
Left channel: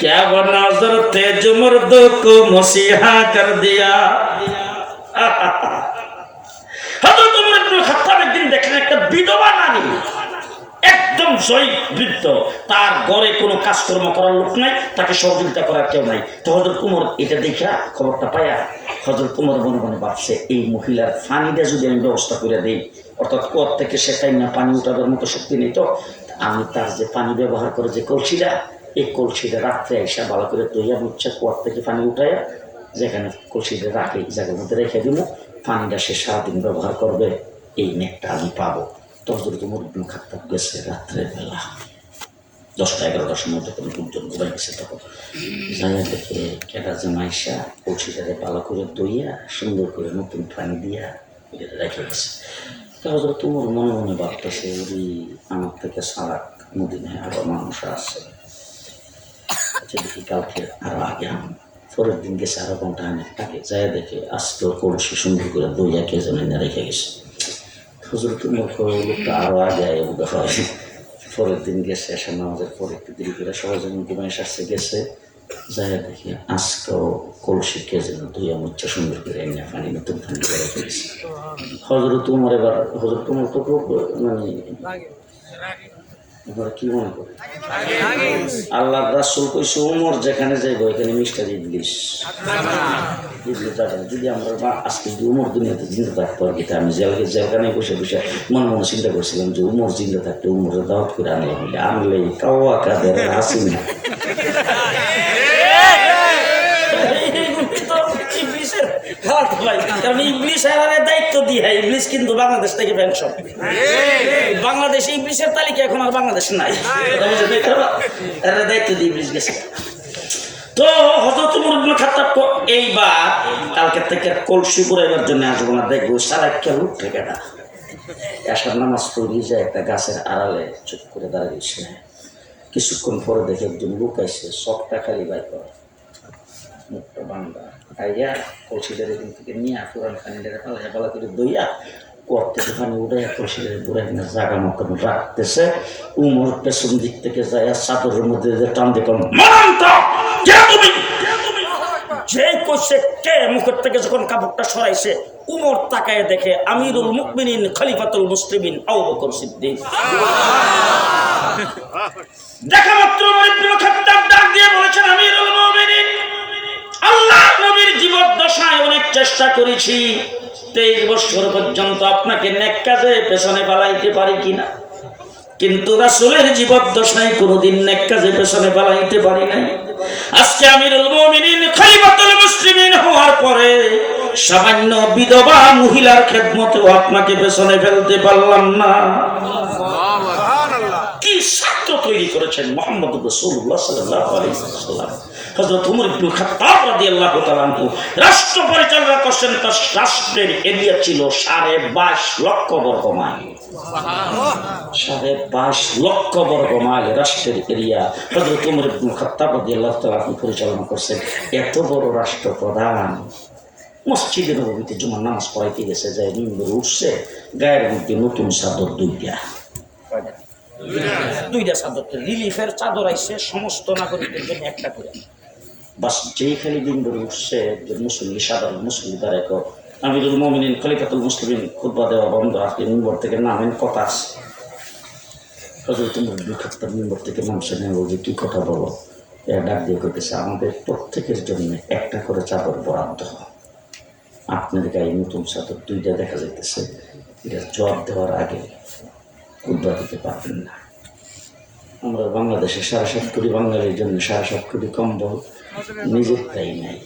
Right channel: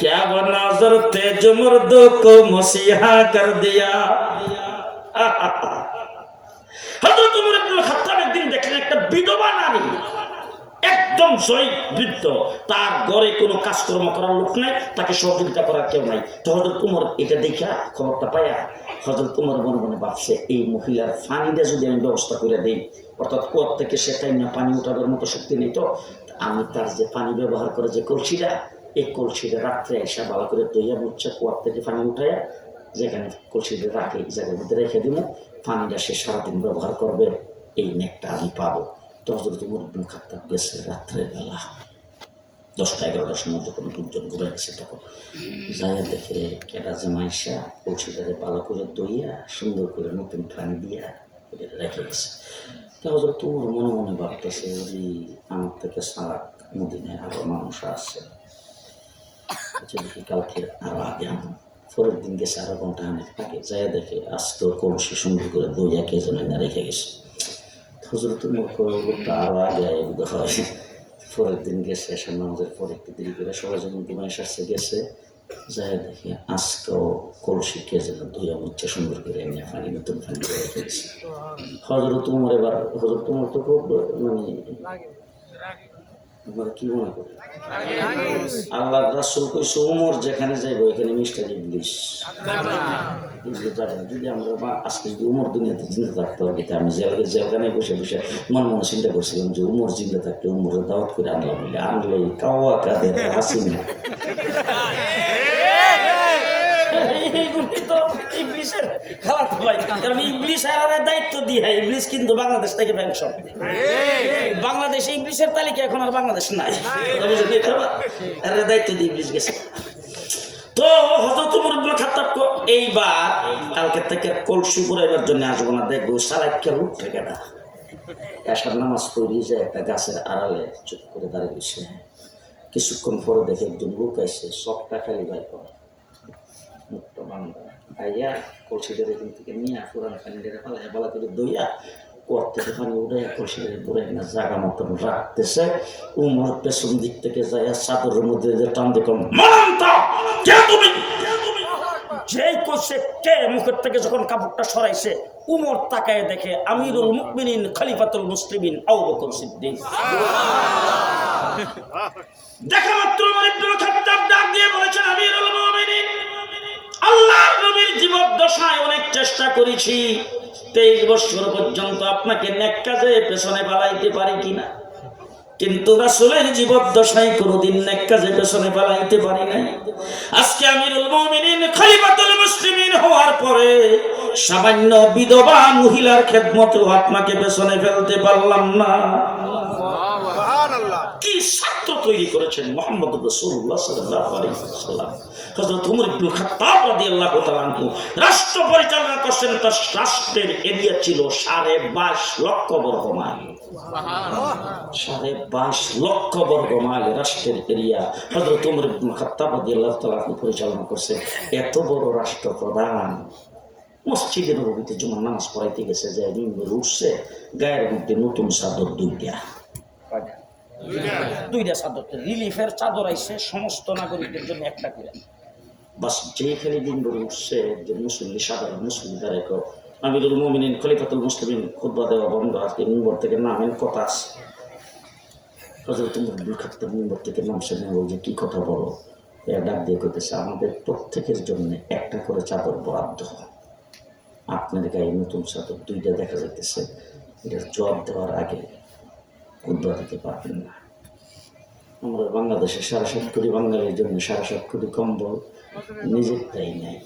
क्या वो नजर तेज मर्दों को मसीहा कर दिया। হযরত ওমর ইবনে খাত্তাব একদিন দেখলেন একটা বিধবা নারী, একদম জয়ী বৃদ্ধ, তার ঘরে কোনো কাজকর্ম করার লোক নাই, তাকে সহযোগিতা করার কেউ নাই। তো হযরত ওমর এটা দেখা খবরটা পায়া হযরত ওমর মনে মনে ভাবছে, এই মহিলার পানিটা যদি আমি ব্যবস্থা করে দিই, অর্থাৎ কুয়ার থেকে সেটাই না পানি উঠাবার মতো শক্তি নেই, তো আমি তার যে পানি ব্যবহার করে যে কলসিটা, এই কলসিটা রাত্রে এসে ভালো করে ধুইয়া মুচ্ছে কুয়ার থেকে পানি উঠায় যেখানে কলসিটা রাখে জায়গার মধ্যে রেখে দিব, পানিটা সে সারাদিন ব্যবহার করবে, এই নেকটা আমি পাবো। তো হযরত ওমর ইবনে খাত্তাব গেছে রাত্রের বেলা 10টা-11টার সময়, যখন লোকজন ঘুরে গেছে, তখন জায়গা দেখে কেটা জামাইসা কলসিটাকে ভালো করে ধুইয়া সুন্দর করে নতুন পানি দিয়া রেখে গেছে। তো হযরত ওমর মনে মনে ভাবতেছে, যদি আমার থেকে সারাক মদিনায় আরো মানুষ আছে, দেখি কালকে আরো আগে আনো। পরের দিন গেছে আরো ঘন্টা আগে, যায় দেখে আজকে কলসি সুন্দর করে দইয়া কে যেন এনে রেখে গেছে। হযরত ওমর লোকটা আরো আগে হয়। পরের দিন গেছে, এসে নামাজের পরে একটু দেরি করে সবাই যখন ঘুমাই আসছে গেছে, যায় দেখি আজকেও কলসি কে যেন দইয়া মুচ্ছা সুন্দর করে এনে পানি নতুন পানি করে রেখে গেছে। হযরত ওমর এবার, হযরত ওমর তো মানে কি মনে করে, আল্লাহ রাসূল কইছে ওমর যেখানে যাইব এখানে মিস্টার ইবলিস যাবে না। যদি আমরা আজকে যদি ওমর দুনিয়াতে জিন্দা থাকতো, আর এটা আমি যেখানে বসে বসে মনে মনে চিন্তা করছিলাম যে ওমর জিন্দা থাকতে ওমরের দাওয়াত করে আনলাম, আনলে কাওয়া কাদের হাসি না। দায়িত্ব দিয়ে ইংলিশ কিন্তু বাংলাদেশ থেকে পেনশন, বাংলাদেশে ইংলিশের তালিকা এখন আর বাংলাদেশ নাই, দায়িত্ব দিয়ে ইংলিশ গেছে। তো হযরত ওমর ইবনে খাত্তাব এইবার কালকে থেকে কলসি ঘুরাইবার জন্য আসবো না, দেখবো সারা খেয়াল উঠে কেটা এসার নামাজ পড়ি যায় একটা গাছের আড়ালে চুপ করে দাঁড়িয়ে দিচ্ছে। কিছুক্ষণ পরে দেখে একজন লোক আইসে, সবটা খালি বাই করে মুখটা বান্ধা আইয়া কলসিটার এদিন থেকে নিয়ে পুরান পানিটারে পালাইয়া ভালো করে দইয়া কুয়ার থেকে পানি উঠাইয়া কলসিটারে ঘুরাই না জায়গা মতন রাখতেছে। ওমর পেছন দিক থেকে যায় চাদরের মধ্যে টান দেখুন, যে কইছে কে মুখের থেকে যখন কাপড়টা সরাইছে, ওমর তাকায় দেখে আমিরুল মুমিনিন খলিফাতুল মুসলিমিন আবু বকর সিদ্দিক। দেখা মাত্র ওমর ইবনে খাত্তাব ডাক দিয়ে বলেছেন, আমিরুল মুমিনিন, আল্লাহর নবীর জীবদ্দশায় অনেক চেষ্টা করেছি, 23 বছর পর্যন্ত আপনাকে নেক কাজে পেছনে পালাইতে পারি কিনা, কিন্তু রাসূলের জীবদ্দশায় কোনোদিন নেক কাজে পেছনে পালাইতে পারি নাই। আজকে আমিরুল মুমিনিন খলিফাতুল মুসলিমিন হওয়ার পরে সামান্য বিধবা মহিলার খেদমতেও আপনাকে পেছনে ফেলতে পারলাম না। কি স্বার্থ তৈরি করেছেন মুহাম্মদুর রাসূলুল্লাহ সাল্লাল্লাহু আলাইহি ওয়াসাল্লাম। হযরত ওমর ইবনে খাত্তাব রাদিয়াল্লাহু তাআলা আনহু রাষ্ট্র পরিচালনা করছেন, তার রাষ্ট্রের এরিয়া ছিল 22.5 লক্ষ বর্গ মাইল। 22.5 লক্ষ বর্গ মাইল রাষ্ট্রের এরিয়া হযরত ওমর ইবনে খাত্তাব রাদিয়াল্লাহু তাআলা আনহু পরিচালনা করছেন। এত বড় রাষ্ট্রপ্রধান মসজিদের নববীতে জুমার নামাজ পড়াইতে গেছে, যায় মিম্বরে উঠছে, গায়ের মধ্যে নতুন চাদর দুইটা চাদর, রিলিফের চাদর আইছে সমস্ত নাগরিকদের জন্য একটা করে। বাস যেই খালি মিম্বরে উঠছে একজন মুসল্লি, সাধারণ মুসল্লি দ্বারা আমিরুল মুমিনিন খলিফাতুল মুসলিমিন খুতবা দেওয়া বন্ধ, আজকে মিম্বর থেকে নামেন, কথা আছে। হযরত ওমর ইবনে খাত্তাব মিম্বর থেকে নামছে, নেমে বলছে কি কথা বলো, ডাক দিয়ে কইতেছে, আমাদের প্রত্যেকের জন্য একটা করে চাদর বরাদ্দ হয়, আপনার গায়ে নতুন চাদর দুইটা দেখা যাইতেছে, এটা জবাব দেওয়ার আগে খুতবা দিতে পারবেন না। আমরা বাংলাদেশে 7.5 কোটি বাঙালির জন্য 7.5 কোটি কম্বল নিজের তাই নাই।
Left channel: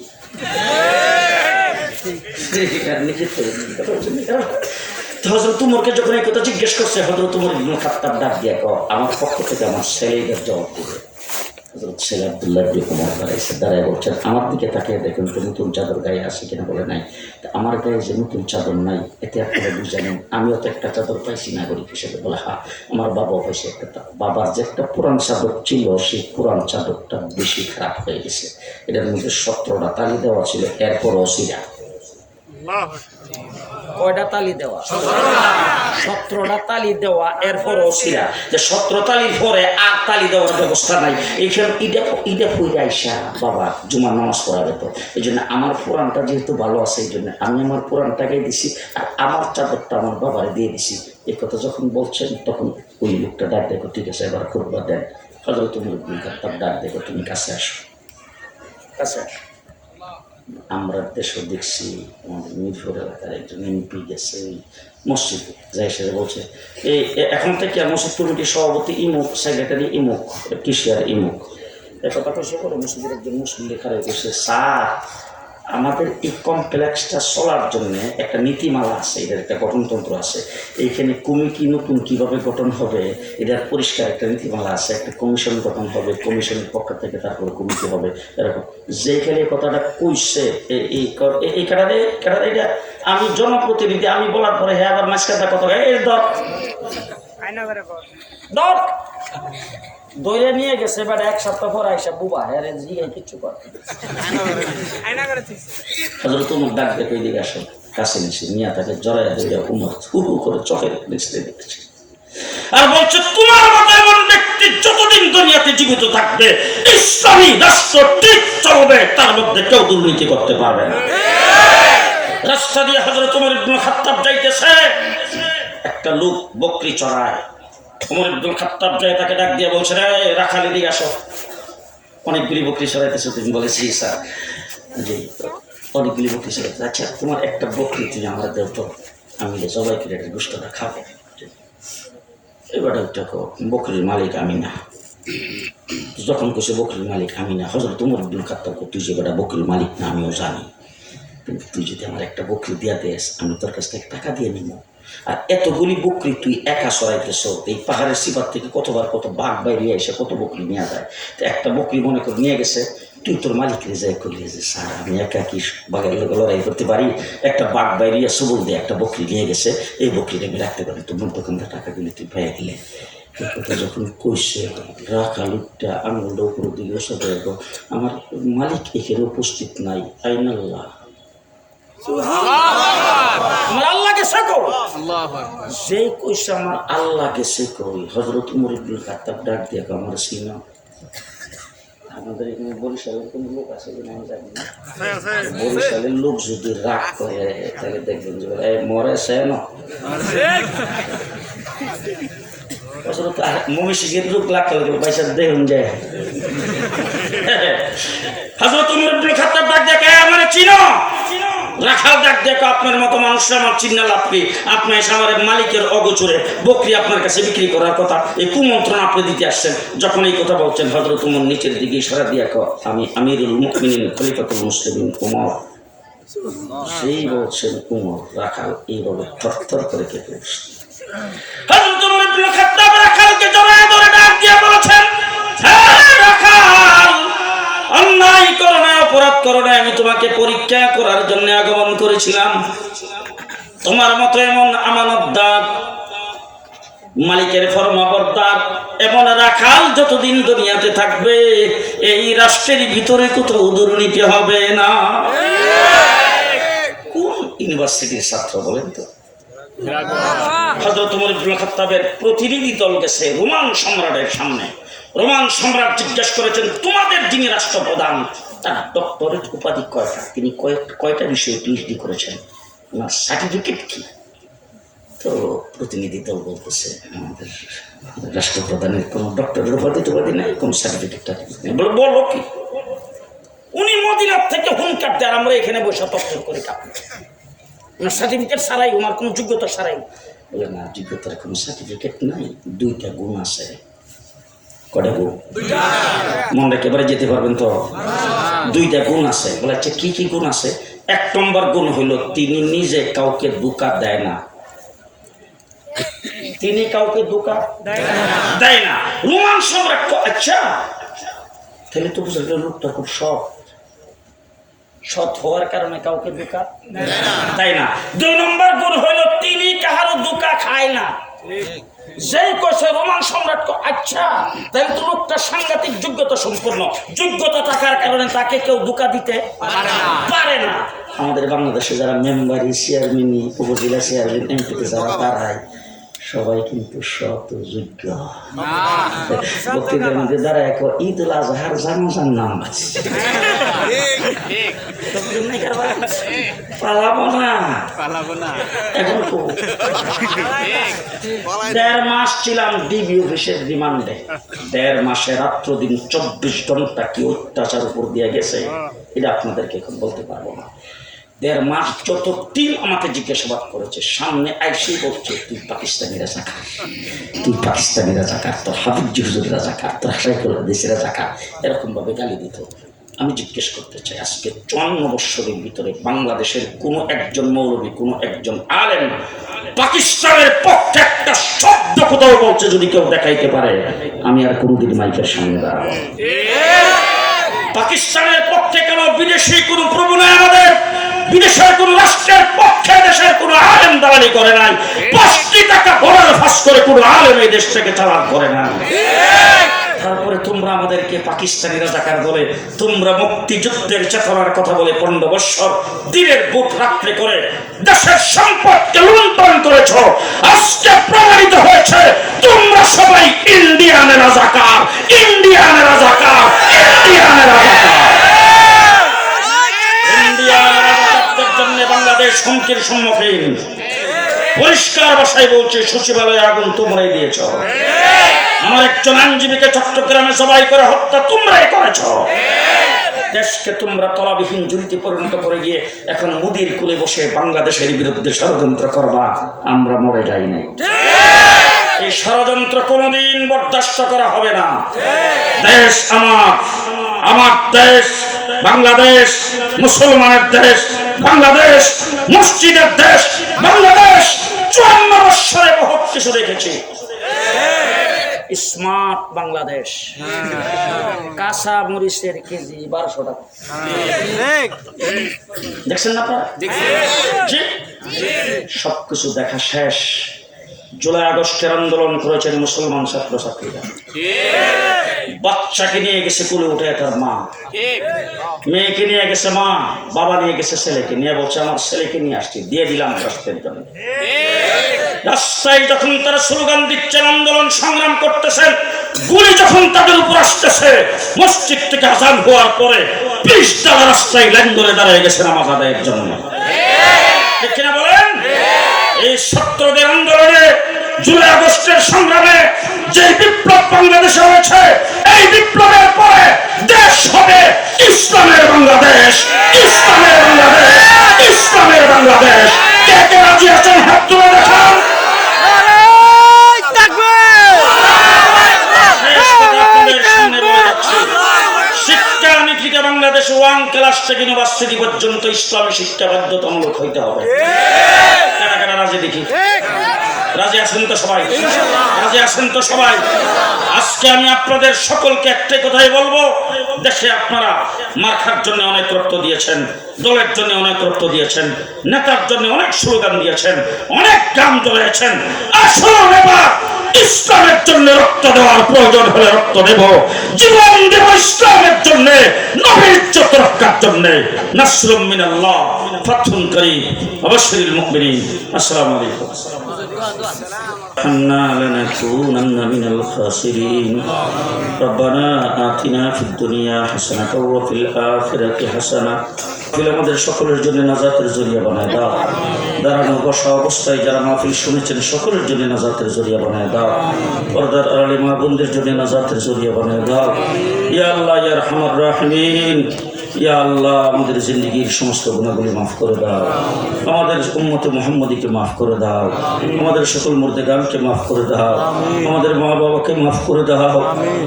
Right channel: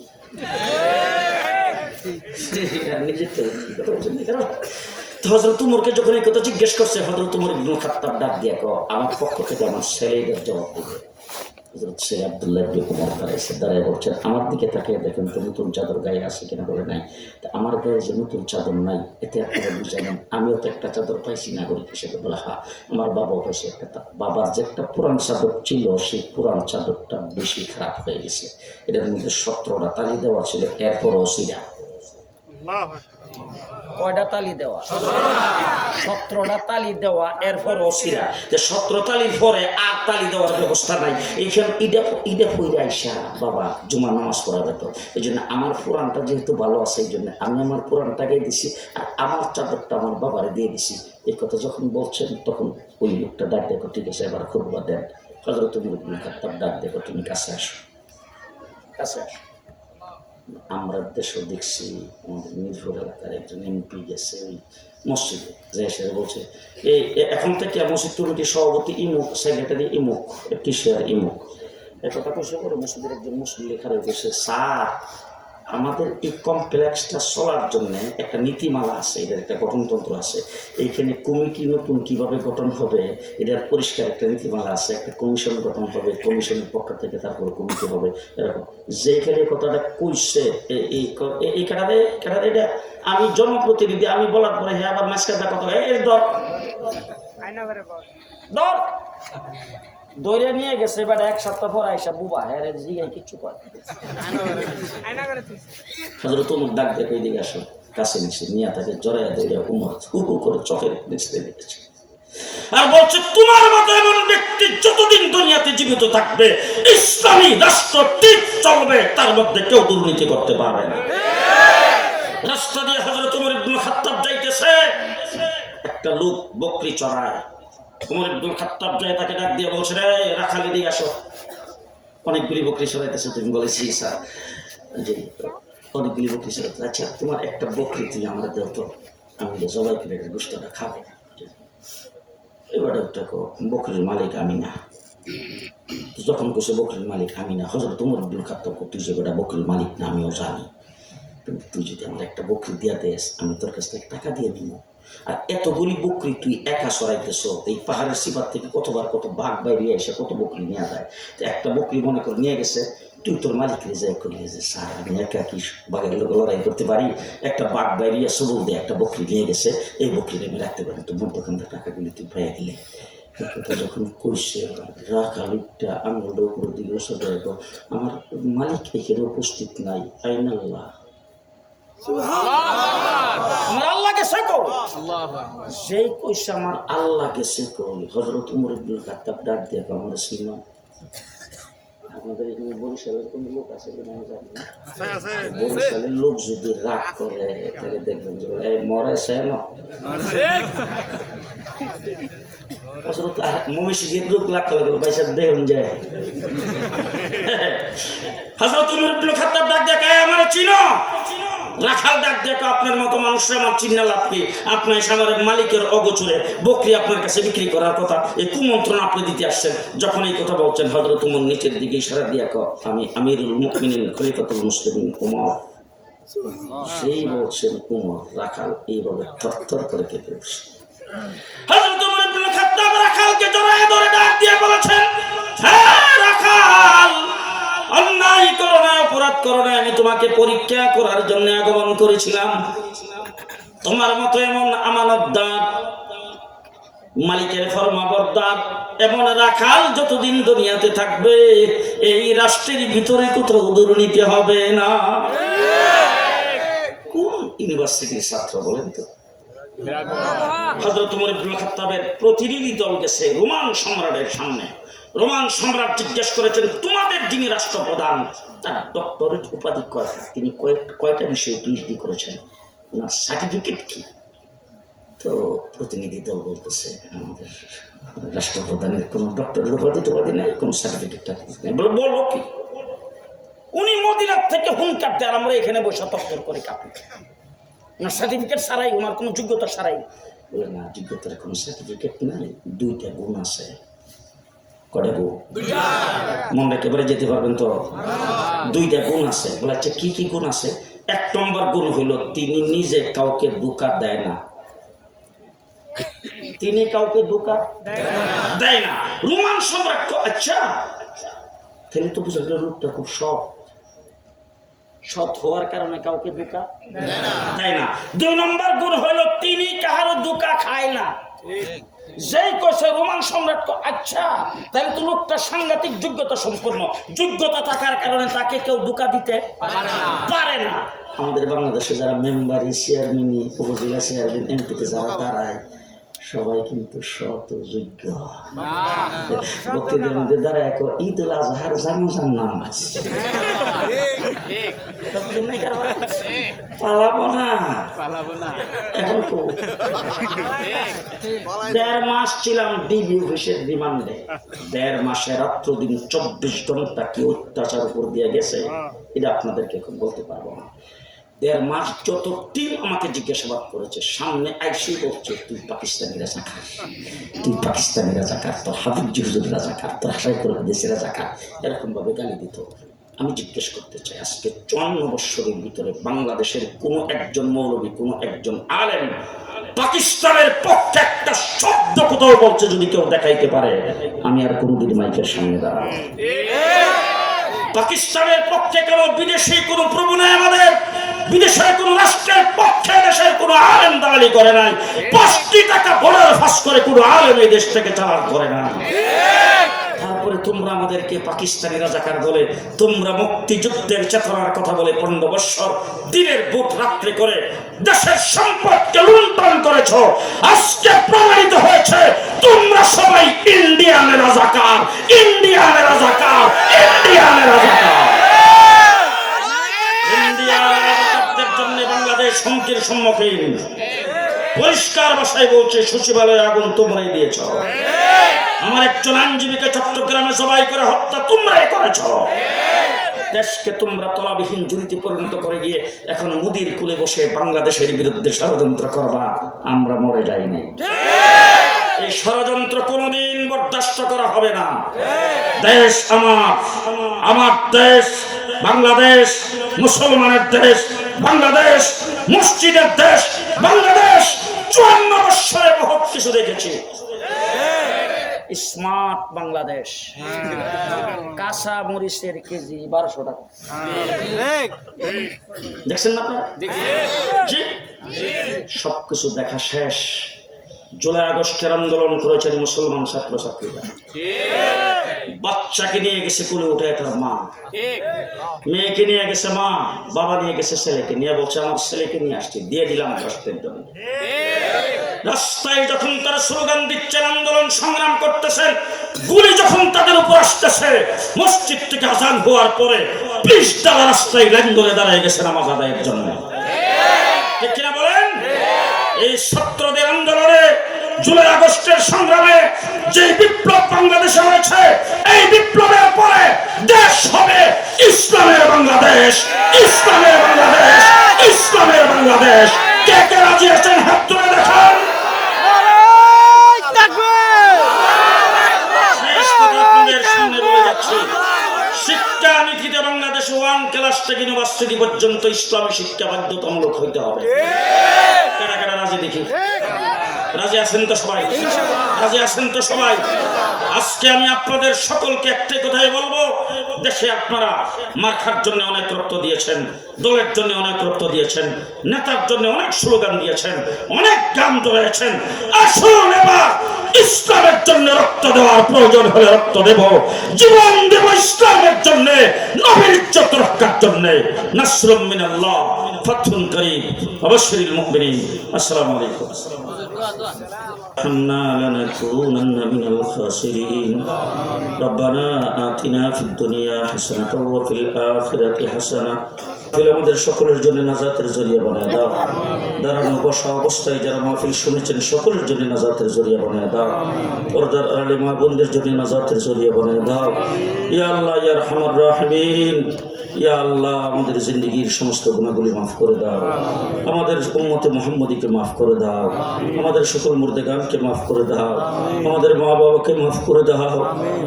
হযরত ওমরকে যখন এই কথা জিজ্ঞেস করছে, হযরত ওমর ইবনে খাত্তাব ডাক দিয়ে আমার পক্ষ থেকে আমার ছেলেদের জবাব দিবে। হযরত ছেলে আব্দুল্লাহ ইবনে ওমর দাঁড়ায় বলছেন, আমার দিকে তাকিয়ে দেখুন তো নতুন চাদর গায়ে আছে কিনা, বলে নাই। আমার গায়ে যে নতুন চাদর নাই, এতে আপনারা বুঝানেন আমিও তো একটা চাদর পাইছি নাগরিক হিসেবে, বলে হ্যাঁ আমার বাবাও পাইছে একটা। বাবার যে একটা পুরান চাদর ছিল, সেই পুরান চাদরটা বেশি খারাপ হয়ে গেছে, এটার মধ্যে 17টা তালি দেওয়া ছিল, এরপরও ছিলা কয়টা তালি দেওয়া? 17টা তালি দেওয়া। এরপর ওসিরা যে 17 তালির পরে আর তালি দেওয়ার ব্যবস্থা নাই। এইখানে ঈদে হইলে আইসা বাবা জুমার নামাজ পড়া যেত। এই জন্য আমার পুরাণটা যেহেতু ভালো আছে, এই জন্য আমি আমার পুরাণটাকে দিছি, আর আমার চাদরটা আমার বাবারে দিয়ে দিছি। এই কথা যখন বলছেন তখন ওই লোকটা ডাক দেখো, ঠিক আছে এবার খুরবা দেন। হযরত ওমর ইবনে খাত্তাব ডাক দেখো, তুমি কাছে আসো, কাছে আসো। আমরা দেশে দেখছি আমাদের মিরপুর এলাকার একজন এমপি গেছে ওই মসজিদে, যাই সে বলছে এই এখন থেকে মসজিদ কমিটির সভাপতি ইমুক, সেক্রেটারি ইমুক, কিশিয়ার ইমুক, একটা কথা সে করে মসজিদের একজন মুসলিম খারাপ করছে, স্যার আমাদের এই কমপ্লেক্সটা চলার জন্য একটা নীতিমালা আছে, এটার একটা গঠনতন্ত্র আছে, এইখানে কমিটি নতুন কীভাবে গঠন হবে এটার পরিষ্কার একটা নীতিমালা আছে, একটা কমিশন গঠন হবে, কমিশনের পক্ষ থেকে তারপর কমিটি হবে, এরকম। যেখানে কথাটা কইছে এই কারণে এটা আমি জনপ্রতিনিধি, আমি বলার পরে হ্যাঁ আবার মাঝখানটা কথা এর দর দইরে নিয়ে গেছে, এবার 1 সপ্তাহ পর আইসা বুবা হ্যাঁ জিগাই কিচ্ছু করে। হযরত ওমর ডাক দেখে এদিকে আসে, কাছে নিচে নিয়ে তাকে জড়াইয়া দিয়ে উমর হু হু করে চোখের নিচে দেখেছে আর বলছে, তোমার মতো এমন ব্যক্তি যতদিন দুনিয়াতে জীবিত থাকবে ইসলামী রাষ্ট্র ঠিক চলবে, তার মধ্যে কেউ দুর্নীতি করতে পারবে না। রাস্তা দিয়ে হযরত ওমর ইবনে খাত্তাব যাইতেছে, একটা লোক বকরি চড়ায়। ওমর ইবনে খাত্তাব যায় তাকে ডাক দিয়ে বলছে, রে রাখালি দিয়ে আসো, অনেকগুলি বকরি চড়াইতেছে। তুমি বলেছি স্যার জি অনেকগুলি বকরি চড়াইতে, আচ্ছা তোমার একটা বকরি তুমি আমরা দেও তো, আমি জবাই করে একটা গোষ্ঠটা খাবো। এবার বকরির মালিক আমি না, যখন কইছে বকরির মালিক আমি না, হযরত ওমর ইবনে খাত্তাব তুই যে বেটা বকরির মালিক না আমিও জানি, কিন্তু তুই যদি আমার একটা বকরি দিয়া দেস আমি তোর কাছ থেকে টাকা দিয়ে নিব। আর এতগুলি বকরি তুই একা সরাইতেছ, এই পাহাড়ের সিপার থেকে কতবার কত বাঘ বাইরে এসে কত বকরি নিয়ে যায়, তো একটা বকরি মনে করে নিয়ে গেছে, তুই তোর মালিকের যাই করলি যে স্যার আমি একা কি বাঘের লোক লড়াই করতে পারি, একটা বাঘ বাইরে সবুল দিয়ে একটা বকরি নিয়ে গেছে, এই বকরিটা আমি রাখতে পারি, তোমার দোকানটা টাকা দিলে তুই পেয়ে গেলে। যখন কইছে রাখা লোকটা আঙুলটা উপর দিকে ওসব আমার মালিক এখানে উপস্থিত নাই, আইনাল্লাহ আমার আল্লাহ গেছে কই, যে কইছে আমার আল্লাহ গেছে কই। হযরত ওমর ইবনে খাত্তাব ডাক দিয়ে আমার সিনা, আমাদের এখানে বরিশালের কোন লোক আছে কিনা আমি জানি না, বরিশালের লোক যদি রাগ করে তাহলে দেখবেন যে বলে মরে সে না মহিষীর লোক লাগ পয়সা দেখুন যায়। হযরত ওমর ইবনে খাত্তাব ডাক দিয়ে আমার চিনো, রাখাল ডাক দেখো আপনার মতো মানুষরা আমার চিন্না লাভ কি, আপনি এসে আমার মালিকের অগোচরে বকরি আপনার কাছে বিক্রি করার কথা এই কুমন্ত্রণ আপনি দিতে আসছেন। যখন এই কথা বলছেন হযরত ওমর নিচের দিকে ইশারা দিয়ে আমি আমিরুল মুমিনিন খলিফাতুল মুসলিমিন ওমর, সেই বলছেন ওমর রাখাল এইভাবে থরথর করে কেঁপে উঠছে। হযরত ওমর ইবনে খাত্তাব রাখালকে জড়ায় ধরে ডাক দিয়ে বলেছেন, হ্যাঁ রাখাল অন্যায় করো না, অপরাধ করো না, আমি তোমাকে পরীক্ষা করার জন্য আগমন করেছিলাম। তোমার মতো এমন আমানতদার মালিকের ফরমাবরদার এমন রাখাল যতদিন দুনিয়াতে থাকবে এই রাষ্ট্রের ভিতরে কোথাও দুর্নীতি হবে না। কোন ইউনিভার্সিটির ছাত্র বলেন তো? হযরত ওমর ইবনে খাত্তাবের প্রতিনিধি দল গেছে রোমান সম্রাটের সামনে। রোমান সম্রাট জিজ্ঞেস করেছেন, তোমাদের যিনি রাষ্ট্রপ্রধান তার ডক্টরেট উপাধি কয়টা, তিনি কয়টা বিষয়ে পিএইচডি করেছেন, ওনার সার্টিফিকেট কি? তো প্রতিনিধি দল বলতেছে আমাদের রাষ্ট্রপ্রধানের কোনো ডক্টরেট উপাধি নাই, কোনো সার্টিফিকেট নেই। বলো কি? উনি মদিনার থেকে হুঙ্কার দেন, আমরা এখানে বসে তথ্য করে কাঁপি, ওনার সার্টিফিকেট ছাড়াই, ওনার কোনো যোগ্যতা ছাড়াই। বলে না, যোগ্যতার কোনো সার্টিফিকেট নাই, 2টা গুণ আছে। কয়টা গুণ? মনে একেবারে যেতে পারবেন তো? 2টা গুণ আছে। বলে আচ্ছা কি কি গুণ আছে? 1 নম্বর গুণ হইল তিনি নিজে কাউকে ধোঁকা দেয় না, তিনি কাউকে ধোঁকা দেয় না। রোমান সম্রাট আচ্ছা তাহলে তো বুঝলেন লোকটা খুব সৎ হওয়ার কারণে কাউকে ধোঁকা দেয় না। 2 নম্বর গুণ হইল তিনি কাহারও ধোঁকা খায় না। যেই কইছে রোমান সম্রাট আচ্ছা তাহলে তো লোকটা সাংঘাতিক যোগ্যতা সম্পন্ন, যোগ্যতা থাকার কারণে তাকে কেউ ধোঁকা দিতে পারে না। আমাদের বাংলাদেশে যারা মেম্বারি চেয়ারম্যান উপজেলা চেয়ারম্যান এমপিতে যারা তারাই সবাই কিন্তু শত যোগ্য বক্তৃতার মধ্যে যারা একবার ঈদ উল আজহার জানাজার নাম আছে পালাবো না এখন তো 1.5 মাস ছিলাম ডিবি অফিসের রিমান্ডে 1.5 মাসে রাত্র দিন 24 ঘন্টা কি অত্যাচার উপর দিয়ে গেছে এটা আপনাদেরকে এখন বলতে পারবো না। 1.5 মাস যত টিম আমাকে জিজ্ঞাসাবাদ করেছে, সামনে আইসি বলছে তুই পাকিস্তানি রাজাকার, তুই পাকিস্তানি রাজাকার, তোর হাফিজ হুজুর রাজাকার, তোর হাসাইকুল্লাহ দেশের রাজাকার, এরকম ভাবে গালি দিত। আমি জিজ্ঞেস করতে চাই, আজকে 54 বৎসরের ভিতরে বাংলাদেশের কোনো একজন মৌলবী, কোনো একজন আলেম পাকিস্তানের পক্ষে একটা শব্দ কোথাও বলছে যদি কেউ দেখাইতে পারে, আমি আর কোনোদিন মাইকের সামনে দাঁড়াবো। পাকিস্তানের পক্ষে কেন বিদেশি কোন প্রভু নাই, আমাদের বিদেশের কোন রাষ্ট্রের পক্ষে দেশের কোন আলেম দালালি করে নাই, 5 টাকা বড়ার ফাঁস করে কোন আলেম এই দেশ থেকে চালান করে নাই। তারপরে তোমরা আমাদেরকে পাকিস্তানি রাজাকার বলে, তোমরা মুক্তিযুদ্ধের চেতনার কথা বলে 15 বছর দিনের বুট রাত্রে করে দেশের সম্পদকে লুণ্ঠন করেছ। আজকে প্রমাণিত হয়েছে তোমরা সবাই ইন্ডিয়ানের রাজাকার, ইন্ডিয়ানের রাজাকার, ইন্ডিয়ানের রাজাকার। ইন্ডিয়ানের রাজাকারদের জন্য বাংলাদেশ হুমকির সম্মুখীন। পরিষ্কার ভাষায় বলছি, সচিবালয়ে আগুন তোমরাই দিয়েছ। আমার একজন আইনজীবীকে চট্টগ্রামে জবাই করে হত্যা তোমরাই করেছ। দেশকে তোমরা তলাবিহীন ঝুলিতে পরিণত করে গিয়ে এখন মুদির কুলে বসে বাংলাদেশের বিরুদ্ধে ষড়যন্ত্র করবা। আমরা মরে যাই নাই, এই ষড়যন্ত্র কোনদিন বরদাস্ত করা হবে না। দেশ আমার, আমার দেশ বাংলাদেশ, মুসলমানের দেশ বাংলাদেশ, মসজিদের দেশ বাংলাদেশ। 54 বৎসরে বহুত কিছু দেখেছি। স্মার্ট বাংলাদেশ, কাঁচা মরিচের কেজি 1200 টাকা, দেখছেন না আপনারা? সবকিছু দেখা শেষ। জুলাই আগস্টের আন্দোলন করেছেন মুসলমান ছাত্রছাত্রীরা। বাচ্চাকে নিয়ে গেছে কুলে উঠে তার মা, মেয়েকে নিয়ে গেছে মা, বাবা নিয়ে গেছে ছেলেকে নিয়ে, বলছে আমার ছেলেকে নিয়ে আসছি, দিয়ে দিলাম রাষ্ট্রের জন্য। রাস্তায় যখন তারা স্লোগান দিচ্ছেন, আন্দোলন সংগ্রাম করতেছেন, গুলি যখন তাদের উপর আসতেছে, মসজিদ থেকে আজান হওয়ার পরে 20 টাকা রাস্তায় লাইন ধরে দাঁড়িয়ে গেছে নামাজ আদায়ের জন্য। ঠিক কিনা বলেন? এই ছাত্রদের আন্দোলনে, জুলাই আগস্টের সংগ্রামে যে বিপ্লব বাংলাদেশে হয়েছে, এই বিপ্লবের পরে দেশ হবে ইসলামের বাংলাদেশ, ইসলামের বাংলাদেশ, ইসলামের বাংলাদেশ। কে কে রাজি আছেন হাত তুলে দেখান। শিক্ষানীতিতে বাংলাদেশ 1 ক্লাস থেকে ইউনিভার্সিটি পর্যন্ত ইসলামী শিক্ষা বাধ্যতামূলক হইতে হবে। কারা কারা রাজি দেখি? রাজি আছেন তো সবাই? রাজি আছেন তো সবাই? আজকে আমি আপনাদের সকলকে একটাই কথাই বলবো, দেশে আপনারা মার্কার জন্য অনেক রক্ত দিয়েছেন, দলের জন্য অনেক রক্ত দিয়েছেন, নেতার জন্য অনেক স্লোগান দিয়েছেন, অনেক গান ধরেছেন। আসুন এবার ইসলামের জন্য রক্ত দেওয়ার প্রয়োজন হলে রক্ত দেব, জীবন দেব ইসলামের জন্য, নবীর ইজ্জত রক্ষার জন্য। নাসরুম মিনাল্লাহ, ফাতহুন করিম, ওয়াবাশশিরিল মুমিনিন। আসসালামু আলাইকুম। لنكونن من الخاسرين ربنا آتنا في الدنيا حسنة وفي الآخرة حسنة। আমাদের সকলের জন্য নাজাতের জরিয়া বানায় দাও। দাঁড়ানো বসা অবস্থায় যারা মাহফিল শুনেছেন সকলের জন্য নাজাতের জরিয়া বানায় দাও। পর্দার আড়ালে মা বোনদের জন্য নাজাতের জরিয়া বানায় দাও। ইয়া আল্লাহ ইয়া আরহামার রাহিমিন, ইয়া আল্লাহ আমাদের জিন্দেগির সমস্ত গুনাহগুলি মাফ করে দাও, আমাদের উম্মতে মুহাম্মদীকে মাফ করে দাও, আমাদের সকল মুর্দেগানকে মাফ করে দাও, আমাদের মা বাবাকে মাফ করে দাও,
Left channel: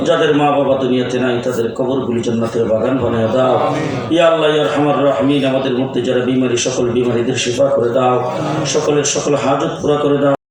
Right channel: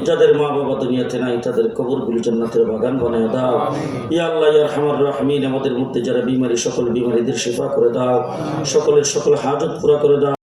যাদের মা বাবা দুনিয়াতে নাই তাদের কবরগুলি জান্নাতের বাগান বানিয়ে দাও। ইয়া আল্লাহ ইয়া আরহামার রাহিমিন, আমাদের মধ্যে যারা বিমারি সকল বিমারিদের শিফা করে দাও, সকলের সকল হাজত পুরা করে দাও।